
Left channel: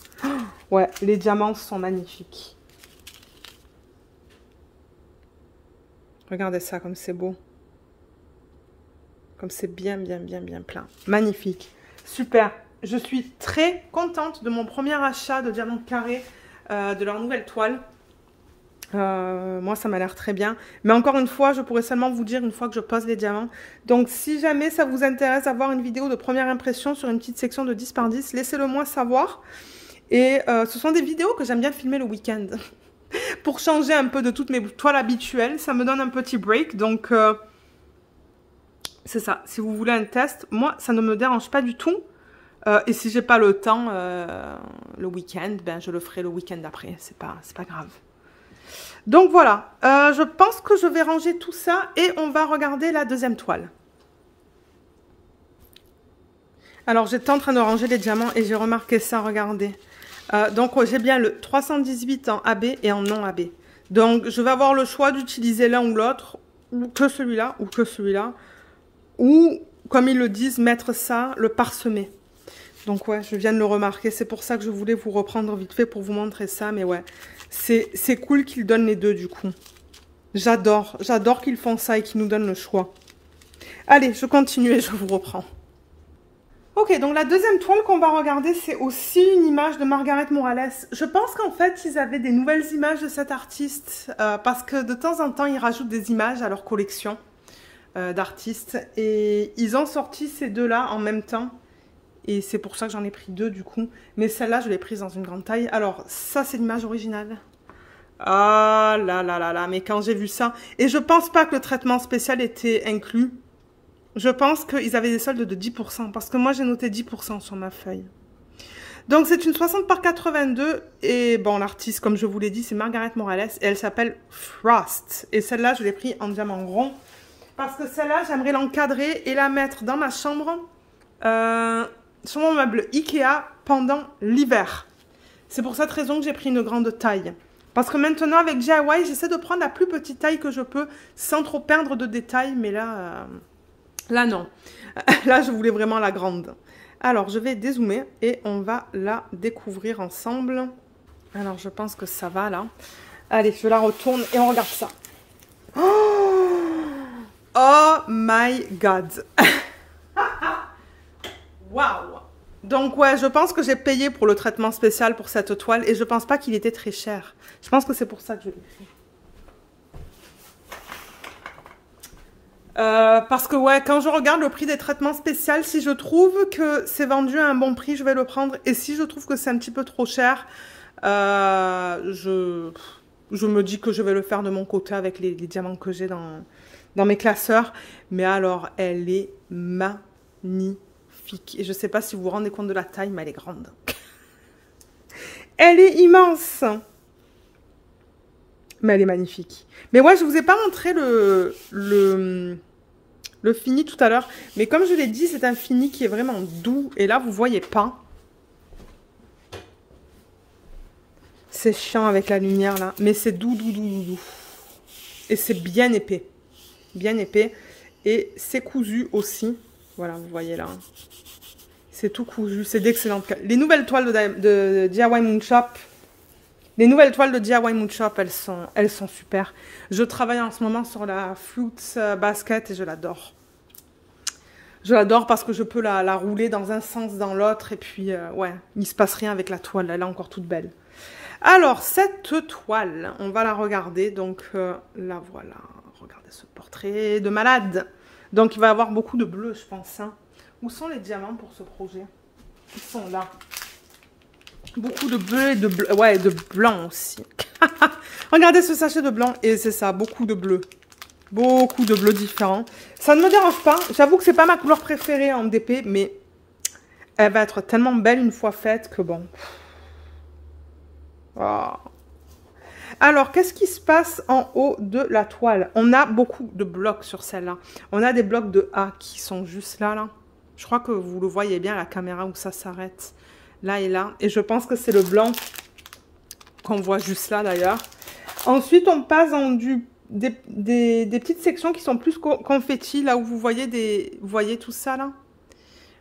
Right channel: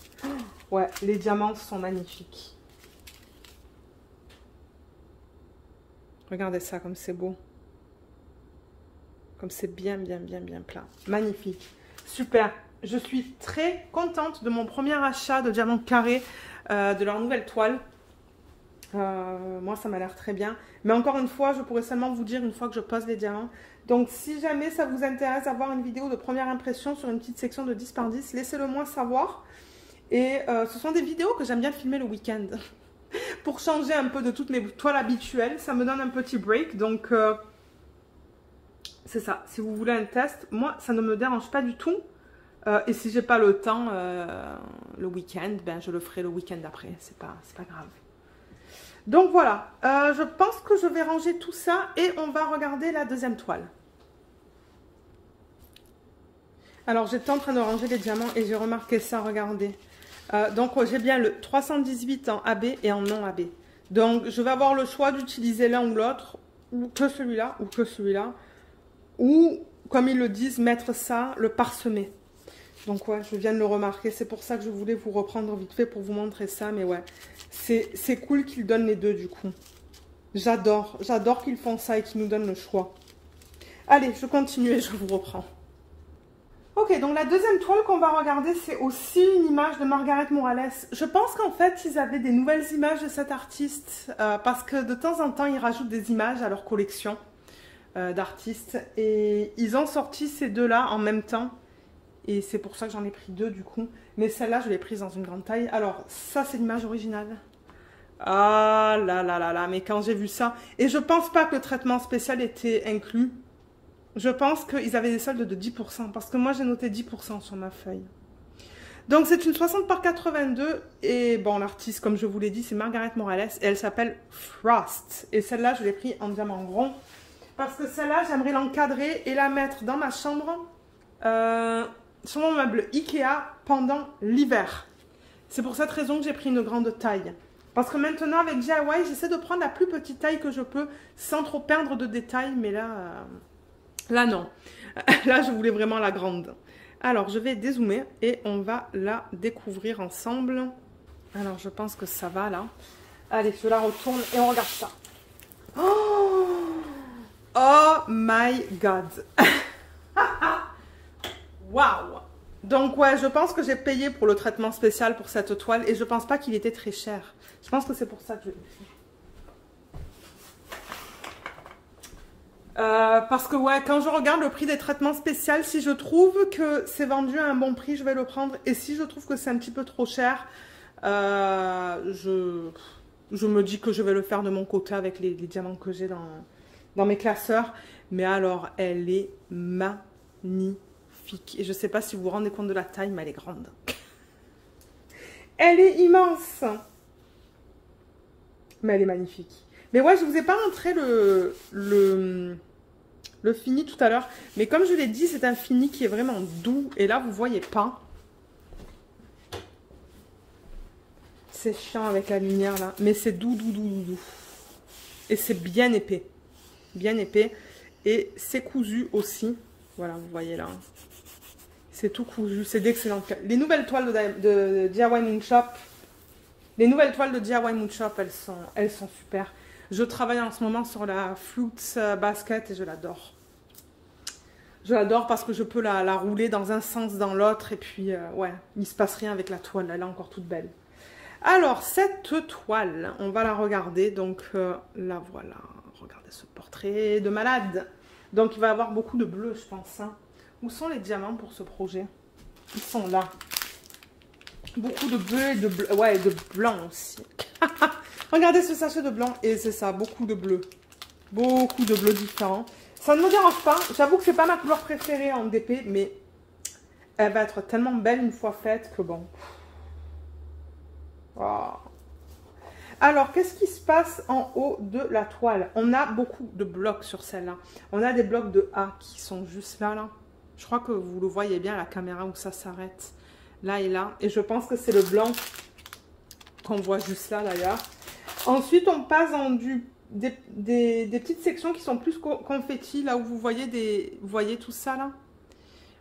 Ouais, les diamants sont magnifiques. Regardez ça, comme c'est beau. Comme c'est bien plein. Magnifique. Super. Je suis très contente de mon premier achat de diamants carrés, de leur nouvelle toile. Moi, ça m'a l'air très bien. Mais encore une fois, je pourrais seulement vous dire une fois que je pose les diamants. Donc, si jamais ça vous intéresse d'avoir une vidéo de première impression sur une petite section de 10 par 10, laissez-le moi savoir. Et ce sont des vidéos que j'aime bien filmer le week-end. pour changer un peu de toutes mes toiles habituelles. Ça me donne un petit break. Donc, c'est ça. Si vous voulez un test, moi, ça ne me dérange pas du tout. Et si j'ai pas le temps le week-end, ben, je le ferai le week-end d'après. C'est pas grave. Donc voilà, je pense que je vais ranger tout ça et on va regarder la deuxième toile. Alors j'étais en train de ranger les diamants et j'ai remarqué ça, regardez. Donc j'ai bien le 318 en AB et en non AB. Donc je vais avoir le choix d'utiliser l'un ou l'autre, ou que celui-là, ou que celui-là. Ou, comme ils le disent, mettre ça, le parsemer. Donc ouais, je viens de le remarquer, c'est pour ça que je voulais vous reprendre vite fait pour vous montrer ça, mais ouais. C'est cool qu'ils donnent les deux du coup. J'adore qu'ils font ça et qu'ils nous donnent le choix. Allez, je continue et je vous reprends. Ok, donc la deuxième toile qu'on va regarder, c'est aussi une image de Margaret Morales. Je pense qu'en fait, ils avaient des nouvelles images de cet artiste parce que de temps en temps, ils rajoutent des images à leur collection d'artistes. Et ils ont sorti ces deux-là en même temps. Et c'est pour ça que j'en ai pris deux du coup. Mais celle-là, je l'ai prise dans une grande taille. Alors, ça, c'est l'image originale. Ah là là là là, mais quand j'ai vu ça... Et je pense pas que le traitement spécial était inclus. Je pense qu'ils avaient des soldes de 10%. Parce que moi, j'ai noté 10% sur ma feuille. Donc, c'est une 60 par 82. Et bon, l'artiste, comme je vous l'ai dit, c'est Margaret Morales. Et elle s'appelle Frost. Et celle-là, je l'ai prise en diamant rond. Parce que celle-là, j'aimerais l'encadrer et la mettre dans ma chambre... sur mon meuble Ikea pendant l'hiver. C'est pour cette raison que j'ai pris une grande taille. Parce que maintenant avec DIY, j'essaie de prendre la plus petite taille que je peux sans trop perdre de détails. Mais là, là non. Là, je voulais vraiment la grande. Alors, je vais dézoomer et on va la découvrir ensemble. Alors, je pense que ça va là. Allez, je la retourne et on regarde ça. Oh my God. Waouh! Donc ouais, je pense que j'ai payé pour le traitement spécial pour cette toile et je pense pas qu'il était très cher. Je pense que c'est pour ça que je l'ai pris. Parce que ouais, quand je regarde le prix des traitements spéciaux, si je trouve que c'est vendu à un bon prix, je vais le prendre. Et si je trouve que c'est un petit peu trop cher, je me dis que je vais le faire de mon côté avec les diamants que j'ai dans mes classeurs. Mais alors, elle est magnifique. Et je ne sais pas si vous vous rendez compte de la taille, mais elle est grande. Elle est immense. Mais elle est magnifique. Mais ouais, je ne vous ai pas montré le fini tout à l'heure. Mais comme je l'ai dit, c'est un fini qui est vraiment doux. Et là, vous ne voyez pas. C'est chiant avec la lumière là. Mais c'est doux, doux, doux, doux, doux. Et c'est bien épais. Bien épais. Et c'est cousu aussi. Voilà, vous voyez là. C'est tout cousu, c'est d'excellentes qualité. Les nouvelles toiles de DIY Moon Shop, elles sont super. Je travaille en ce moment sur la Fruits Basket et je l'adore. Je l'adore parce que je peux la rouler dans un sens, dans l'autre. Et puis, ouais, il ne se passe rien avec la toile. Elle est encore toute belle. Alors, cette toile, on va la regarder. Donc, la voilà. Regardez ce portrait de malade. Donc, il va y avoir beaucoup de bleu, je pense. Hein. Où sont les diamants pour ce projet? Ils sont là. Beaucoup de bleu et de bleu. Ouais, de blanc aussi. Regardez ce sachet de blanc. Et c'est ça, beaucoup de bleu. Beaucoup de bleus différents. Ça ne me dérange pas. J'avoue que c'est pas ma couleur préférée en DP, mais elle va être tellement belle une fois faite que bon. Oh. Alors, qu'est-ce qui se passe en haut de la toile? On a beaucoup de blocs sur celle-là. On a des blocs de A qui sont juste là, là. Je crois que vous le voyez bien à la caméra où ça s'arrête. Là et là. Et je pense que c'est le blanc qu'on voit juste là d'ailleurs. Ensuite, on passe dans des petites sections qui sont plus confetti. Là où vous voyez vous voyez tout ça là?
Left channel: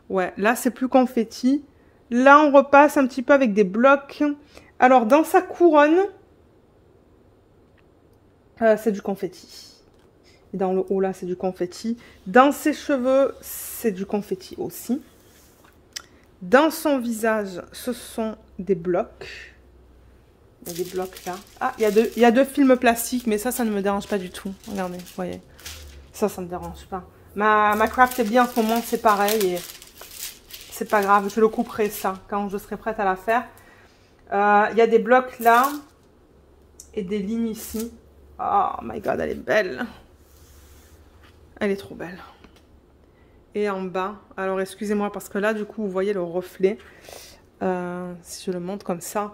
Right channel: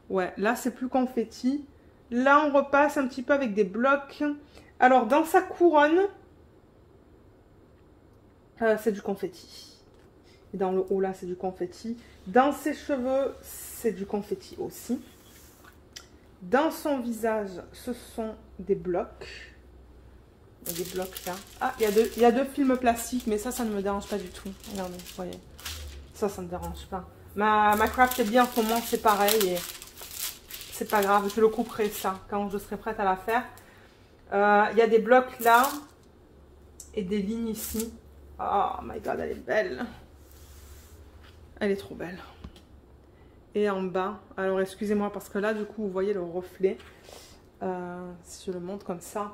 Ouais, là c'est plus confetti. Là, on repasse un petit peu avec des blocs. Alors, dans sa couronne, c'est du confetti. Et dans le haut, là, c'est du confetti. Dans ses cheveux, c'est du confetti aussi. Dans son visage, ce sont des blocs. Il y a des blocs là. Ah, il y a deux films plastiques, mais ça ne me dérange pas du tout. Regardez, vous voyez. Ça ne me dérange pas. Ma craft est bien en ce moment, c'est pareil. Et c'est pas grave, je le couperai ça quand je serai prête à la faire. Il y a des blocs là. et des lignes ici. Oh my god, elle est belle. Elle est trop belle. Et en bas, alors excusez-moi parce que là du coup vous voyez le reflet. Si je le montre comme ça.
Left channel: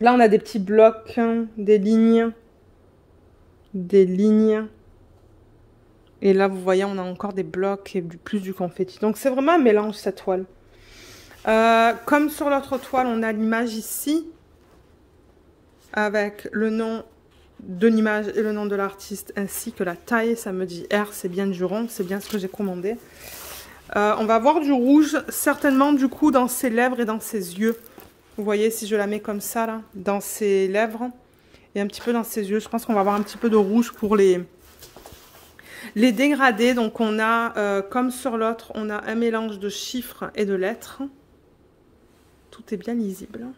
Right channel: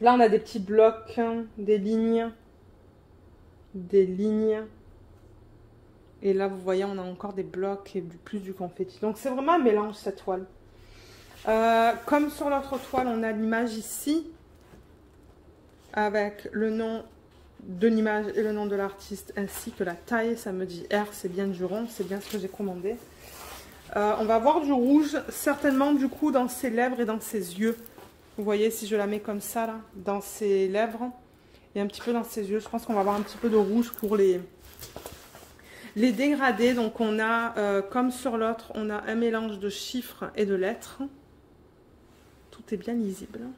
Là on a des petits blocs, des lignes. Des lignes. Et là vous voyez on a encore des blocs et plus du confetti. Donc c'est vraiment un mélange cette toile. Comme sur l'autre toile on a l'image ici. Avec le nom de l'image et le nom de l'artiste ainsi que la taille, ça me dit R, c'est bien du rond, c'est bien ce que j'ai commandé. On va avoir du rouge, certainement du coup dans ses lèvres et dans ses yeux. Vous voyez si je la mets comme ça là, dans ses lèvres et un petit peu dans ses yeux. Je pense qu'on va avoir un petit peu de rouge pour les dégradés. Donc on a, comme sur l'autre, on a un mélange de chiffres et de lettres. Tout est bien lisible.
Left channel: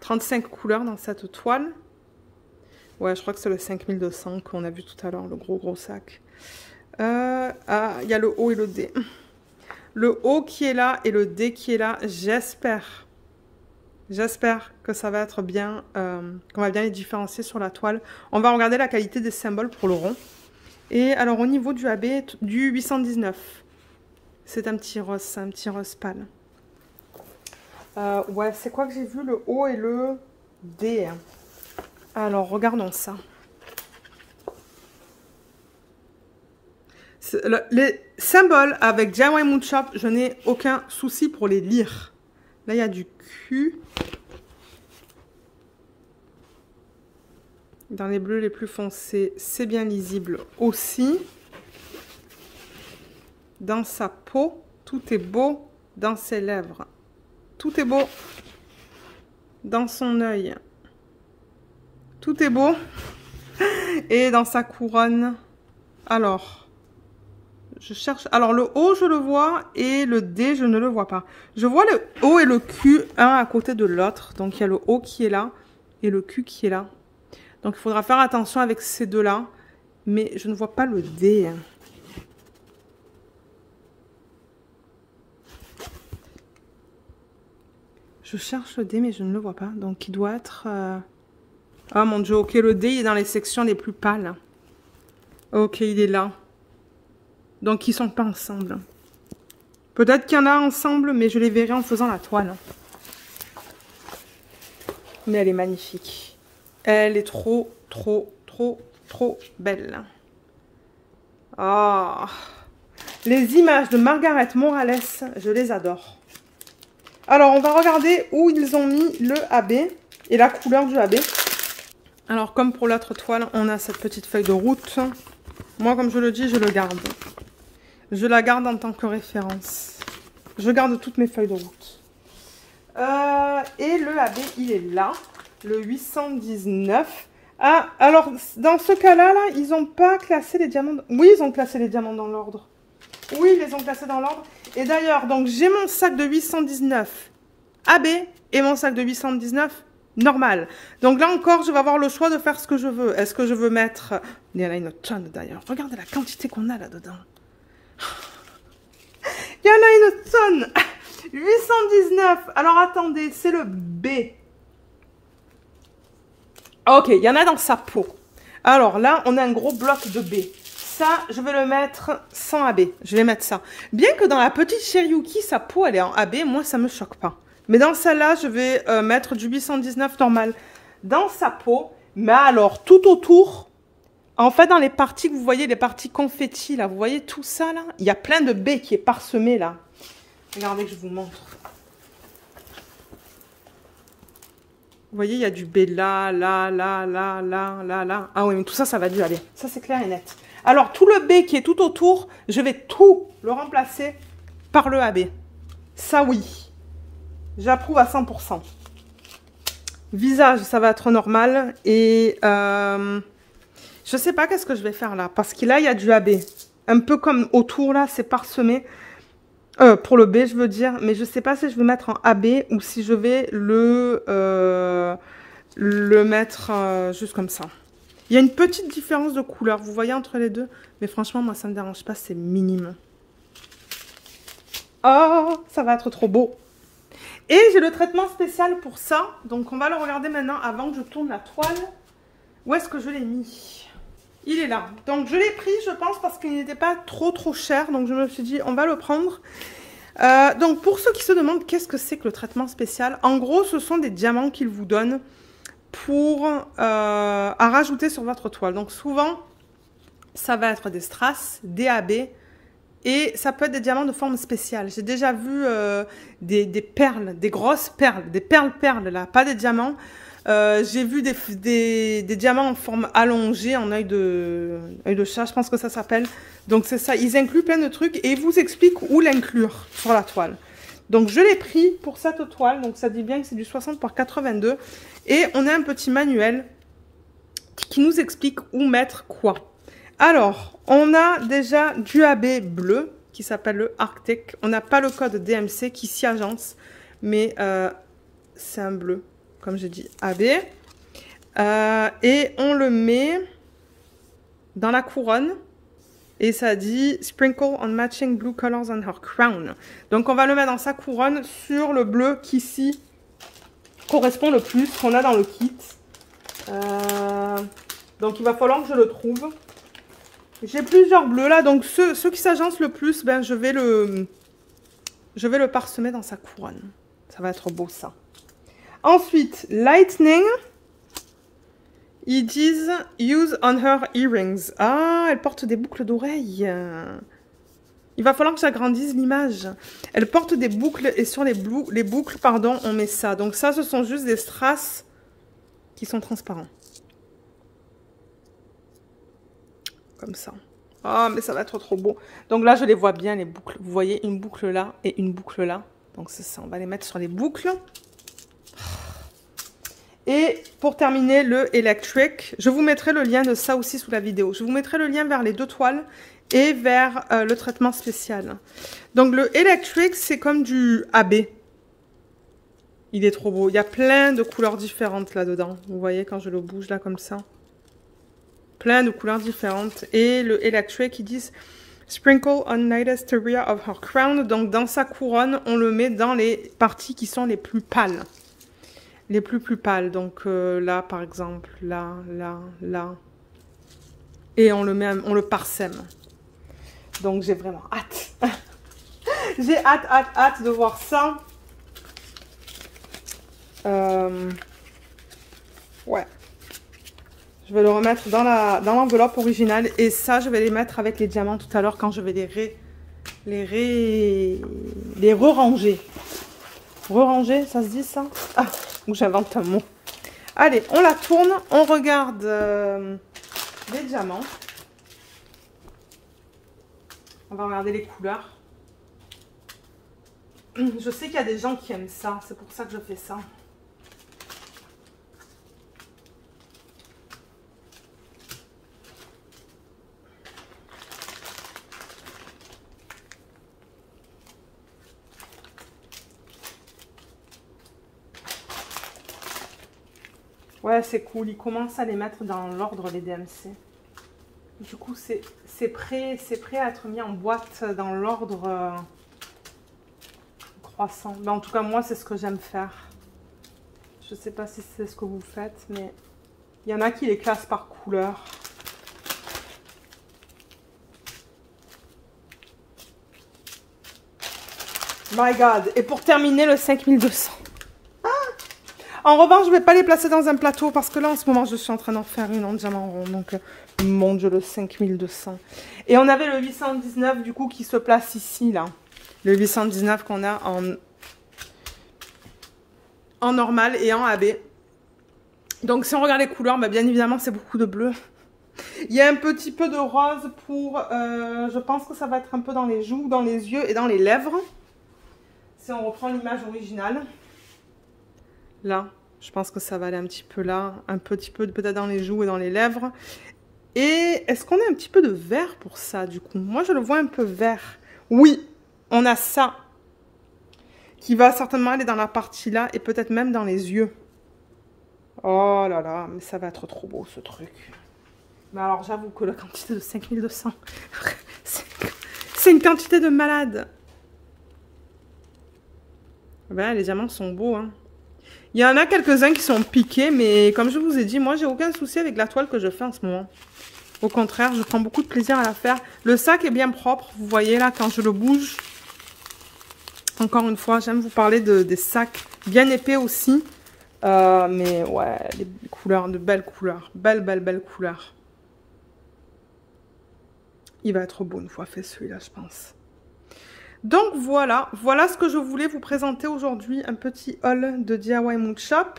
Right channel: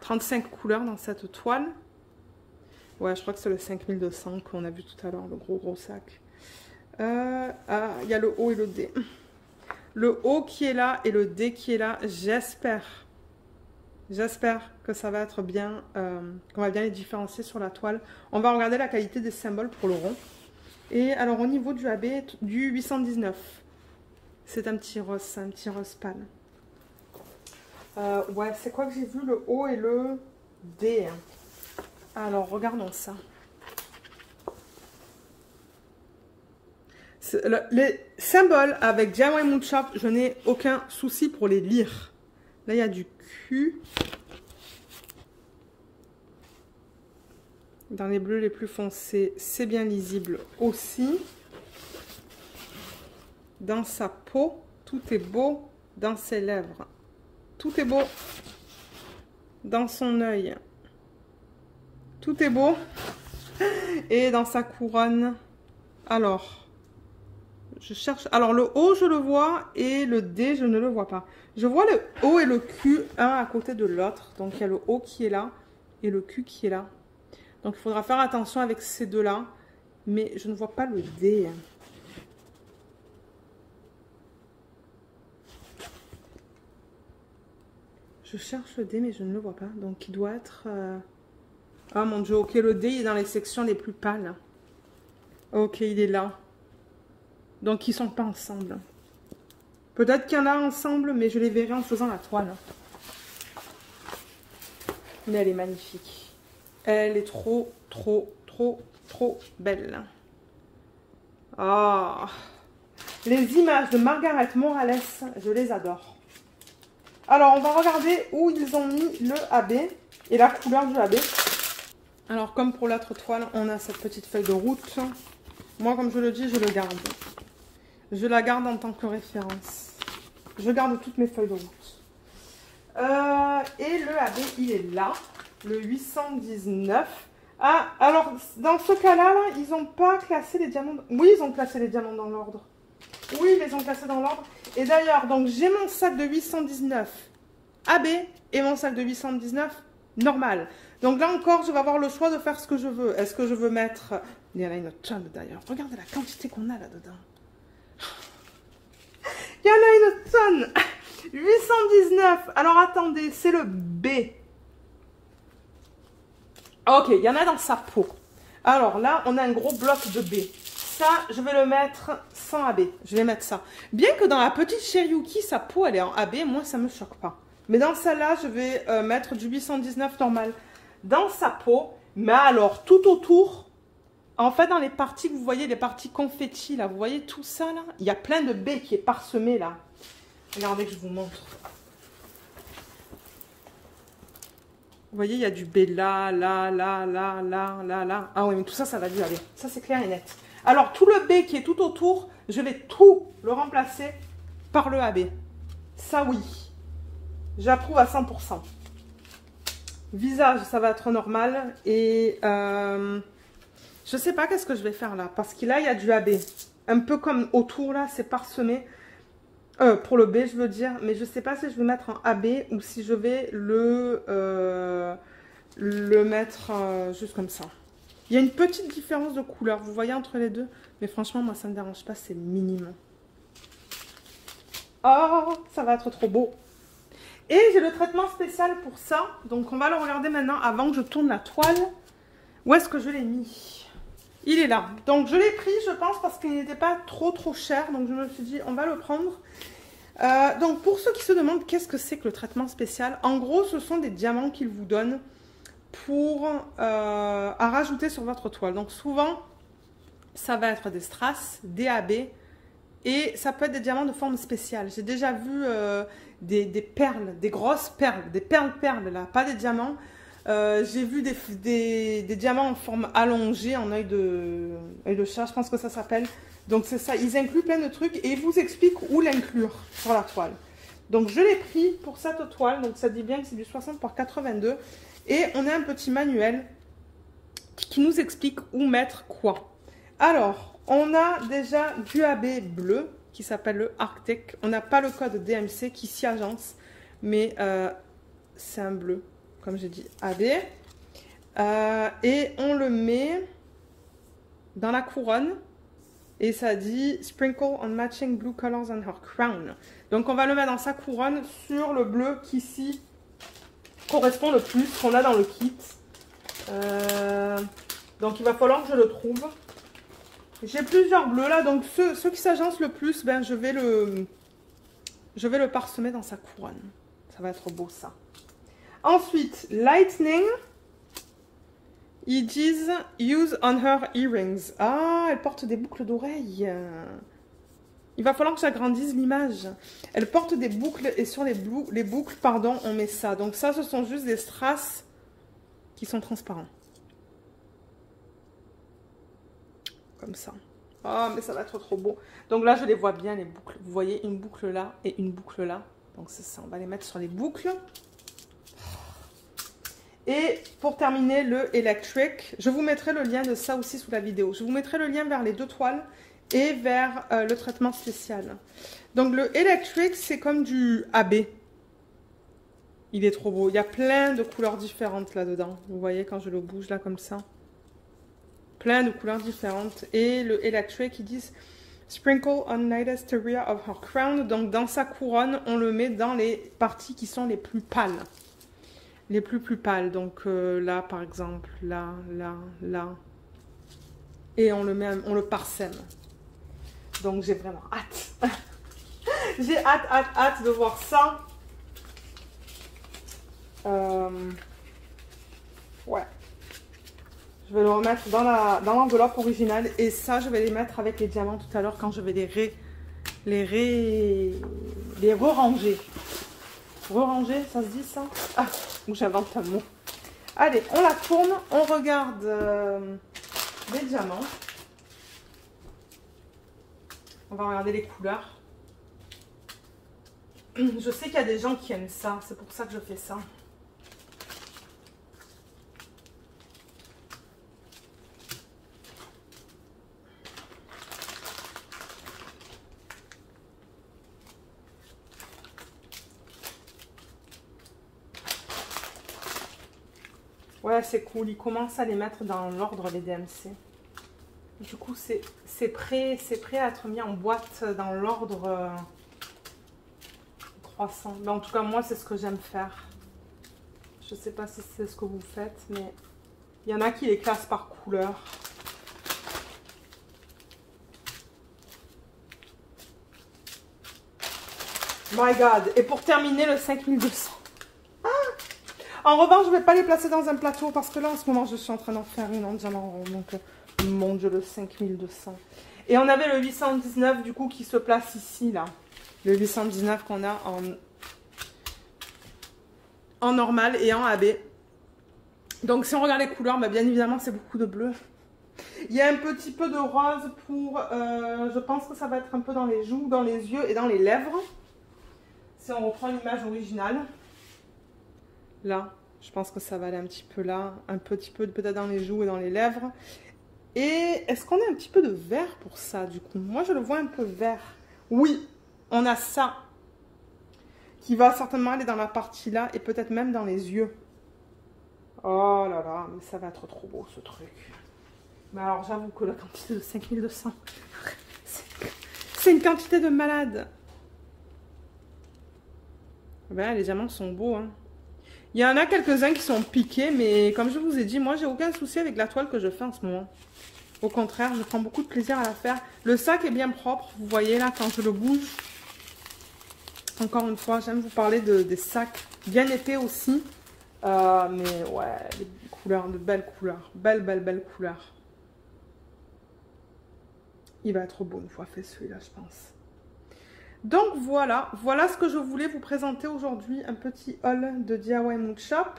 35 couleurs dans cette toile. Ouais, je crois que c'est le 5200 qu'on a vu tout à l'heure, le gros sac. Il y a le O et le D. Le O qui est là et le D qui est là, j'espère que ça va être bien, qu'on va bien les différencier sur la toile. On va regarder la qualité des symboles pour le rond. Et alors au niveau du AB, du 819, c'est un petit rose pâle. Ouais, c'est quoi que j'ai vu? Le O et le D. Alors, regardons ça. Les symboles avec DIY Mood Shop, je n'ai aucun souci pour les lire. Là, il y a du Q. Dans les bleus les plus foncés, c'est bien lisible aussi. Dans sa peau, tout est beau. Dans ses lèvres, tout est beau. Dans son œil, tout est beau. Et dans sa couronne, alors, je cherche. Alors, le O, je le vois et le D, je ne le vois pas. Je vois le O et le Q, un à côté de l'autre. Donc, il y a le O qui est là et le Q qui est là. Donc, il faudra faire attention avec ces deux-là. Mais je ne vois pas le D. Je cherche le D, mais je ne le vois pas. Donc, il doit être... Ah, mon Dieu, ok, le D, il est dans les sections les plus pâles. Ok, il est là. Donc, ils sont pas ensemble. Peut-être qu'il y en a ensemble, mais je les verrai en faisant la toile. Mais elle est magnifique. Elle est trop belle. Ah, les images de Margaret Morales, je les adore. Alors, on va regarder où ils ont mis le AB et la couleur du AB. Alors, comme pour l'autre toile, on a cette petite feuille de route. Moi, comme je le dis, je le garde. Je la garde en tant que référence. Je garde toutes mes feuilles de route. Et le AB, il est là. Le 819. Ah, alors, dans ce cas-là, là, ils n'ont pas classé les diamants. Oui, ils ont classé les diamants dans l'ordre. Oui, ils les ont classés dans l'ordre. Et d'ailleurs, donc j'ai mon sac de 819 AB et mon sac de 819 normal. Donc là encore, je vais avoir le choix de faire ce que je veux. Est-ce que je veux mettre... Il y en a une tonne d'ailleurs. Regardez la quantité qu'on a là-dedans. Il y en a une tonne. 819. Alors attendez, c'est le B. Ok, il y en a dans sa peau. Alors là, on a un gros bloc de B. Ça, je vais le mettre sans AB. Je vais mettre ça. Bien que dans la petite Cherryuki, sa peau, elle est en AB. Moi, ça ne me choque pas. Mais dans celle-là, je vais mettre du 819 normal dans sa peau. Mais alors, tout autour, en fait, dans les parties que vous voyez, les parties confetti, là, vous voyez tout ça, là? Il y a plein de B qui est parsemé, là. Regardez que je vous montre. Vous voyez, il y a du B là, là, là, là, là, là, là. Ah oui, mais tout ça, ça va du AB. Ça, c'est clair et net. Alors, tout le B qui est tout autour, je vais tout le remplacer par le AB. Ça, oui. J'approuve à 100%. Visage, ça va être normal. Et je sais pas qu'est-ce que je vais faire là. Parce que là, il y a du AB. Un peu comme autour, là, c'est parsemé. Pour le B, je veux dire. Mais je sais pas si je vais mettre en AB ou si je vais le mettre juste comme ça. Il y a une petite différence de couleur, vous voyez, entre les deux. Mais franchement, moi, ça ne me dérange pas, c'est minime. Oh, ça va être trop beau. Et j'ai le traitement spécial pour ça. Donc, on va le regarder maintenant avant que je tourne la toile. Où est-ce que je l'ai mis? Il est là. Donc, je l'ai pris, je pense, parce qu'il n'était pas trop cher. Donc, je me suis dit, on va le prendre. Donc, pour ceux qui se demandent qu'est-ce que c'est que le traitement spécial, en gros, ce sont des diamants qu'ils vous donnent pour à rajouter sur votre toile. Donc, souvent, ça va être des strass, des AB, et ça peut être des diamants de forme spéciale. J'ai déjà vu des perles, des grosses perles, des perles là, pas des diamants. J'ai vu des diamants en forme allongée, en œil de chat, je pense que ça s'appelle. Donc c'est ça, ils incluent plein de trucs et ils vous expliquent où l'inclure sur la toile. Donc je l'ai pris pour cette toile, donc ça dit bien que c'est du 60 par 82. Et on a un petit manuel qui nous explique où mettre quoi. Alors, on a déjà du AB bleu qui s'appelle le Arctic. On n'a pas le code DMC qui s'y agence, mais c'est un bleu, comme j'ai dit, AB. Et on le met dans la couronne. Et ça dit « Sprinkle on matching blue colors on her crown ». Donc, on va le mettre dans sa couronne sur le bleu qui ici correspond le plus qu'on a dans le kit. Donc, il va falloir que je le trouve. J'ai plusieurs bleus là, donc ceux qui s'agencent le plus, ben, je vais le parsemer dans sa couronne. Ça va être beau ça. Ensuite, Lightning. Ils disent « Use on her earrings ». Ah, elle porte des boucles d'oreilles. Il va falloir que j'agrandisse l'image. Elle porte des boucles et sur les boucles, pardon, on met ça. Donc ça, ce sont juste des strass qui sont transparents. Comme ça. Oh, mais ça va être trop beau. Donc là, je les vois bien, les boucles. Vous voyez, une boucle là et une boucle là. Donc c'est ça, on va les mettre sur les boucles. Et pour terminer, le Electric, je vous mettrai le lien de ça aussi sous la vidéo. Je vous mettrai le lien vers les deux toiles et vers le traitement spécial. Donc le Electric, c'est comme du AB. Il est trop beau. Il y a plein de couleurs différentes là-dedans. Vous voyez quand je le bouge là comme ça. Plein de couleurs différentes. Et le Electric, ils disent Sprinkle on lightest area of her crown. Donc dans sa couronne, on le met dans les parties qui sont les plus pâles. Les plus pâles, donc là par exemple, là. Et on le parsème. Donc j'ai vraiment hâte. J'ai hâte de voir ça. Ouais. Je vais le remettre dans l'enveloppe originale. Et ça, je vais les mettre avec les diamants tout à l'heure quand je vais les re-ranger. Re-ranger, ça se dit ça? Ah, j'invente un mot. Allez, on la tourne, on regarde les diamants. On va regarder les couleurs. Je sais qu'il y a des gens qui aiment ça, c'est pour ça que je fais ça. Ouais, c'est cool. Ils commencent à les mettre dans l'ordre, les DMC. Du coup, c'est prêt à être mis en boîte dans l'ordre 300. Mais en tout cas, moi, c'est ce que j'aime faire. Je ne sais pas si c'est ce que vous faites, mais il y en a qui les classent par couleur. My God. Et pour terminer, le 5200. En revanche, je ne vais pas les placer dans un plateau parce que là, en ce moment, je suis en train d'en faire une en diamant rond. Donc, mon Dieu, le 5200. Et on avait le 819, du coup, qui se place ici, là. Le 819 qu'on a en normal et en AB. Donc, si on regarde les couleurs, bah, bien évidemment, c'est beaucoup de bleu. Il y a un petit peu de rose pour... je pense que ça va être un peu dans les joues, dans les yeux et dans les lèvres. Si on reprend l'image originale. Là, je pense que ça va aller un petit peu là, un petit peu peut-être dans les joues et dans les lèvres. Et est-ce qu'on a un petit peu de vert pour ça, du coup? Moi, je le vois un peu vert. Oui, on a ça qui va certainement aller dans la partie là et peut-être même dans les yeux. Oh là là, mais ça va être trop beau, ce truc. Mais alors, j'avoue que la quantité de 5200, c'est une quantité de malade. Ben, les diamants sont beaux, hein. Il y en a quelques-uns qui sont piqués, mais comme je vous ai dit, moi, j'ai aucun souci avec la toile que je fais en ce moment. Au contraire, je prends beaucoup de plaisir à la faire. Le sac est bien propre, vous voyez là, quand je le bouge. Encore une fois, j'aime vous parler des sacs bien épais aussi. Mais ouais, les couleurs, de belles couleurs. Belles couleurs. Il va être beau une fois fait celui-là, je pense. Donc voilà ce que je voulais vous présenter aujourd'hui, un petit haul de DIY Mood Shop.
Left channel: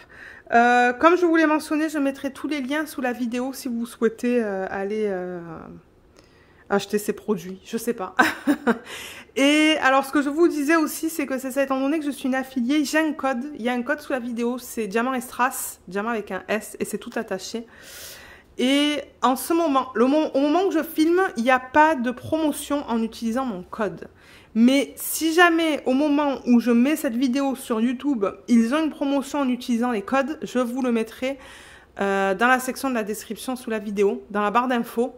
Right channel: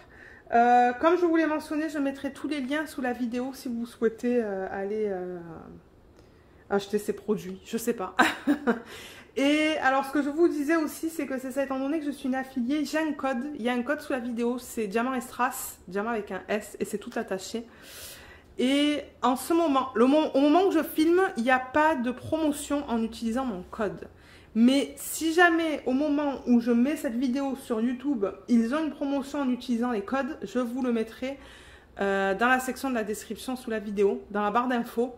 Comme je vous l'ai mentionné, je mettrai tous les liens sous la vidéo si vous souhaitez aller acheter ces produits, je sais pas. Et alors ce que je vous disais aussi, c'est que c'est ça, étant donné que je suis une affiliée, j'ai un code, il y a un code sous la vidéo, c'est Diamant et Strass, Diamant avec un S et c'est tout attaché. Et en ce moment, au moment où je filme, il n'y a pas de promotion en utilisant mon code. Mais si jamais, au moment où je mets cette vidéo sur YouTube, ils ont une promotion en utilisant les codes, je vous le mettrai dans la section de la description sous la vidéo, dans la barre d'infos.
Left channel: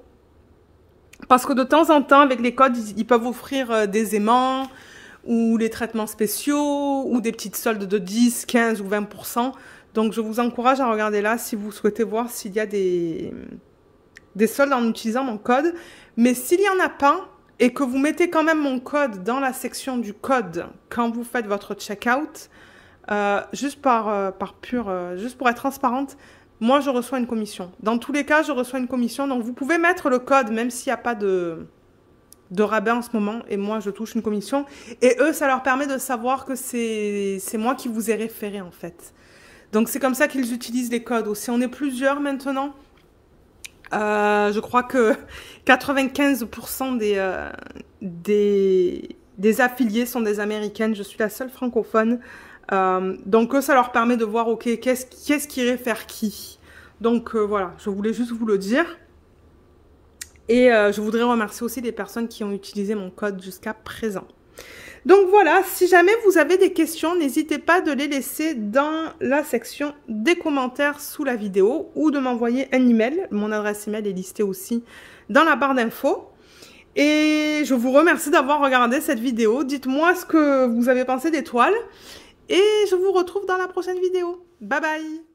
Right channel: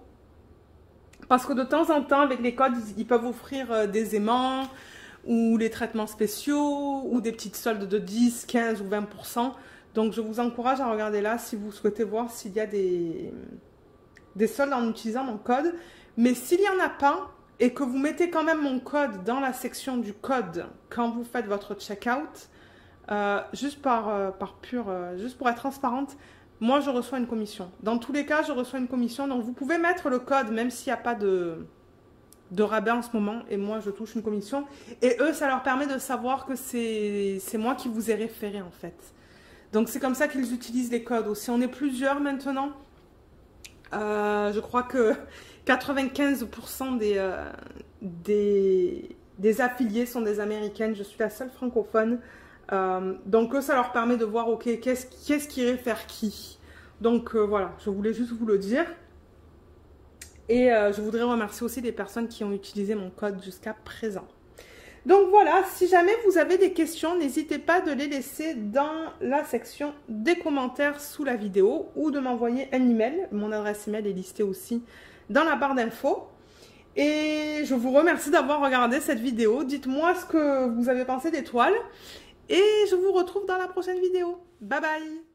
Parce que de temps en temps, avec les codes, ils peuvent offrir des aimants, ou les traitements spéciaux, ou des petites soldes de 10, 15 ou 20%. Donc, je vous encourage à regarder là si vous souhaitez voir s'il y a des soldes en utilisant mon code. Mais s'il n'y en a pas, et que vous mettez quand même mon code dans la section du code quand vous faites votre checkout, juste juste pour être transparente, moi je reçois une commission. Dans tous les cas, je reçois une commission. Donc vous pouvez mettre le code même s'il n'y a pas de rabais en ce moment. Et moi je touche une commission. Et eux, ça leur permet de savoir que c'est moi qui vous ai référé en fait. Donc c'est comme ça qu'ils utilisent les codes aussi. On est plusieurs maintenant. Je crois que 95% des affiliés sont des Américaines. Je suis la seule francophone. Donc ça leur permet de voir, ok, qu'est-ce qui réfère qui. Donc voilà, je voulais juste vous le dire. Et je voudrais remercier aussi les personnes qui ont utilisé mon code jusqu'à présent. Donc voilà, si jamais vous avez des questions, n'hésitez pas de les laisser dans la section des commentaires sous la vidéo ou de m'envoyer un email. Mon adresse email est listée aussi dans la barre d'infos. Et je vous remercie d'avoir regardé cette vidéo. Dites-moi ce que vous avez pensé des toiles. Et je vous retrouve dans la prochaine vidéo. Bye bye!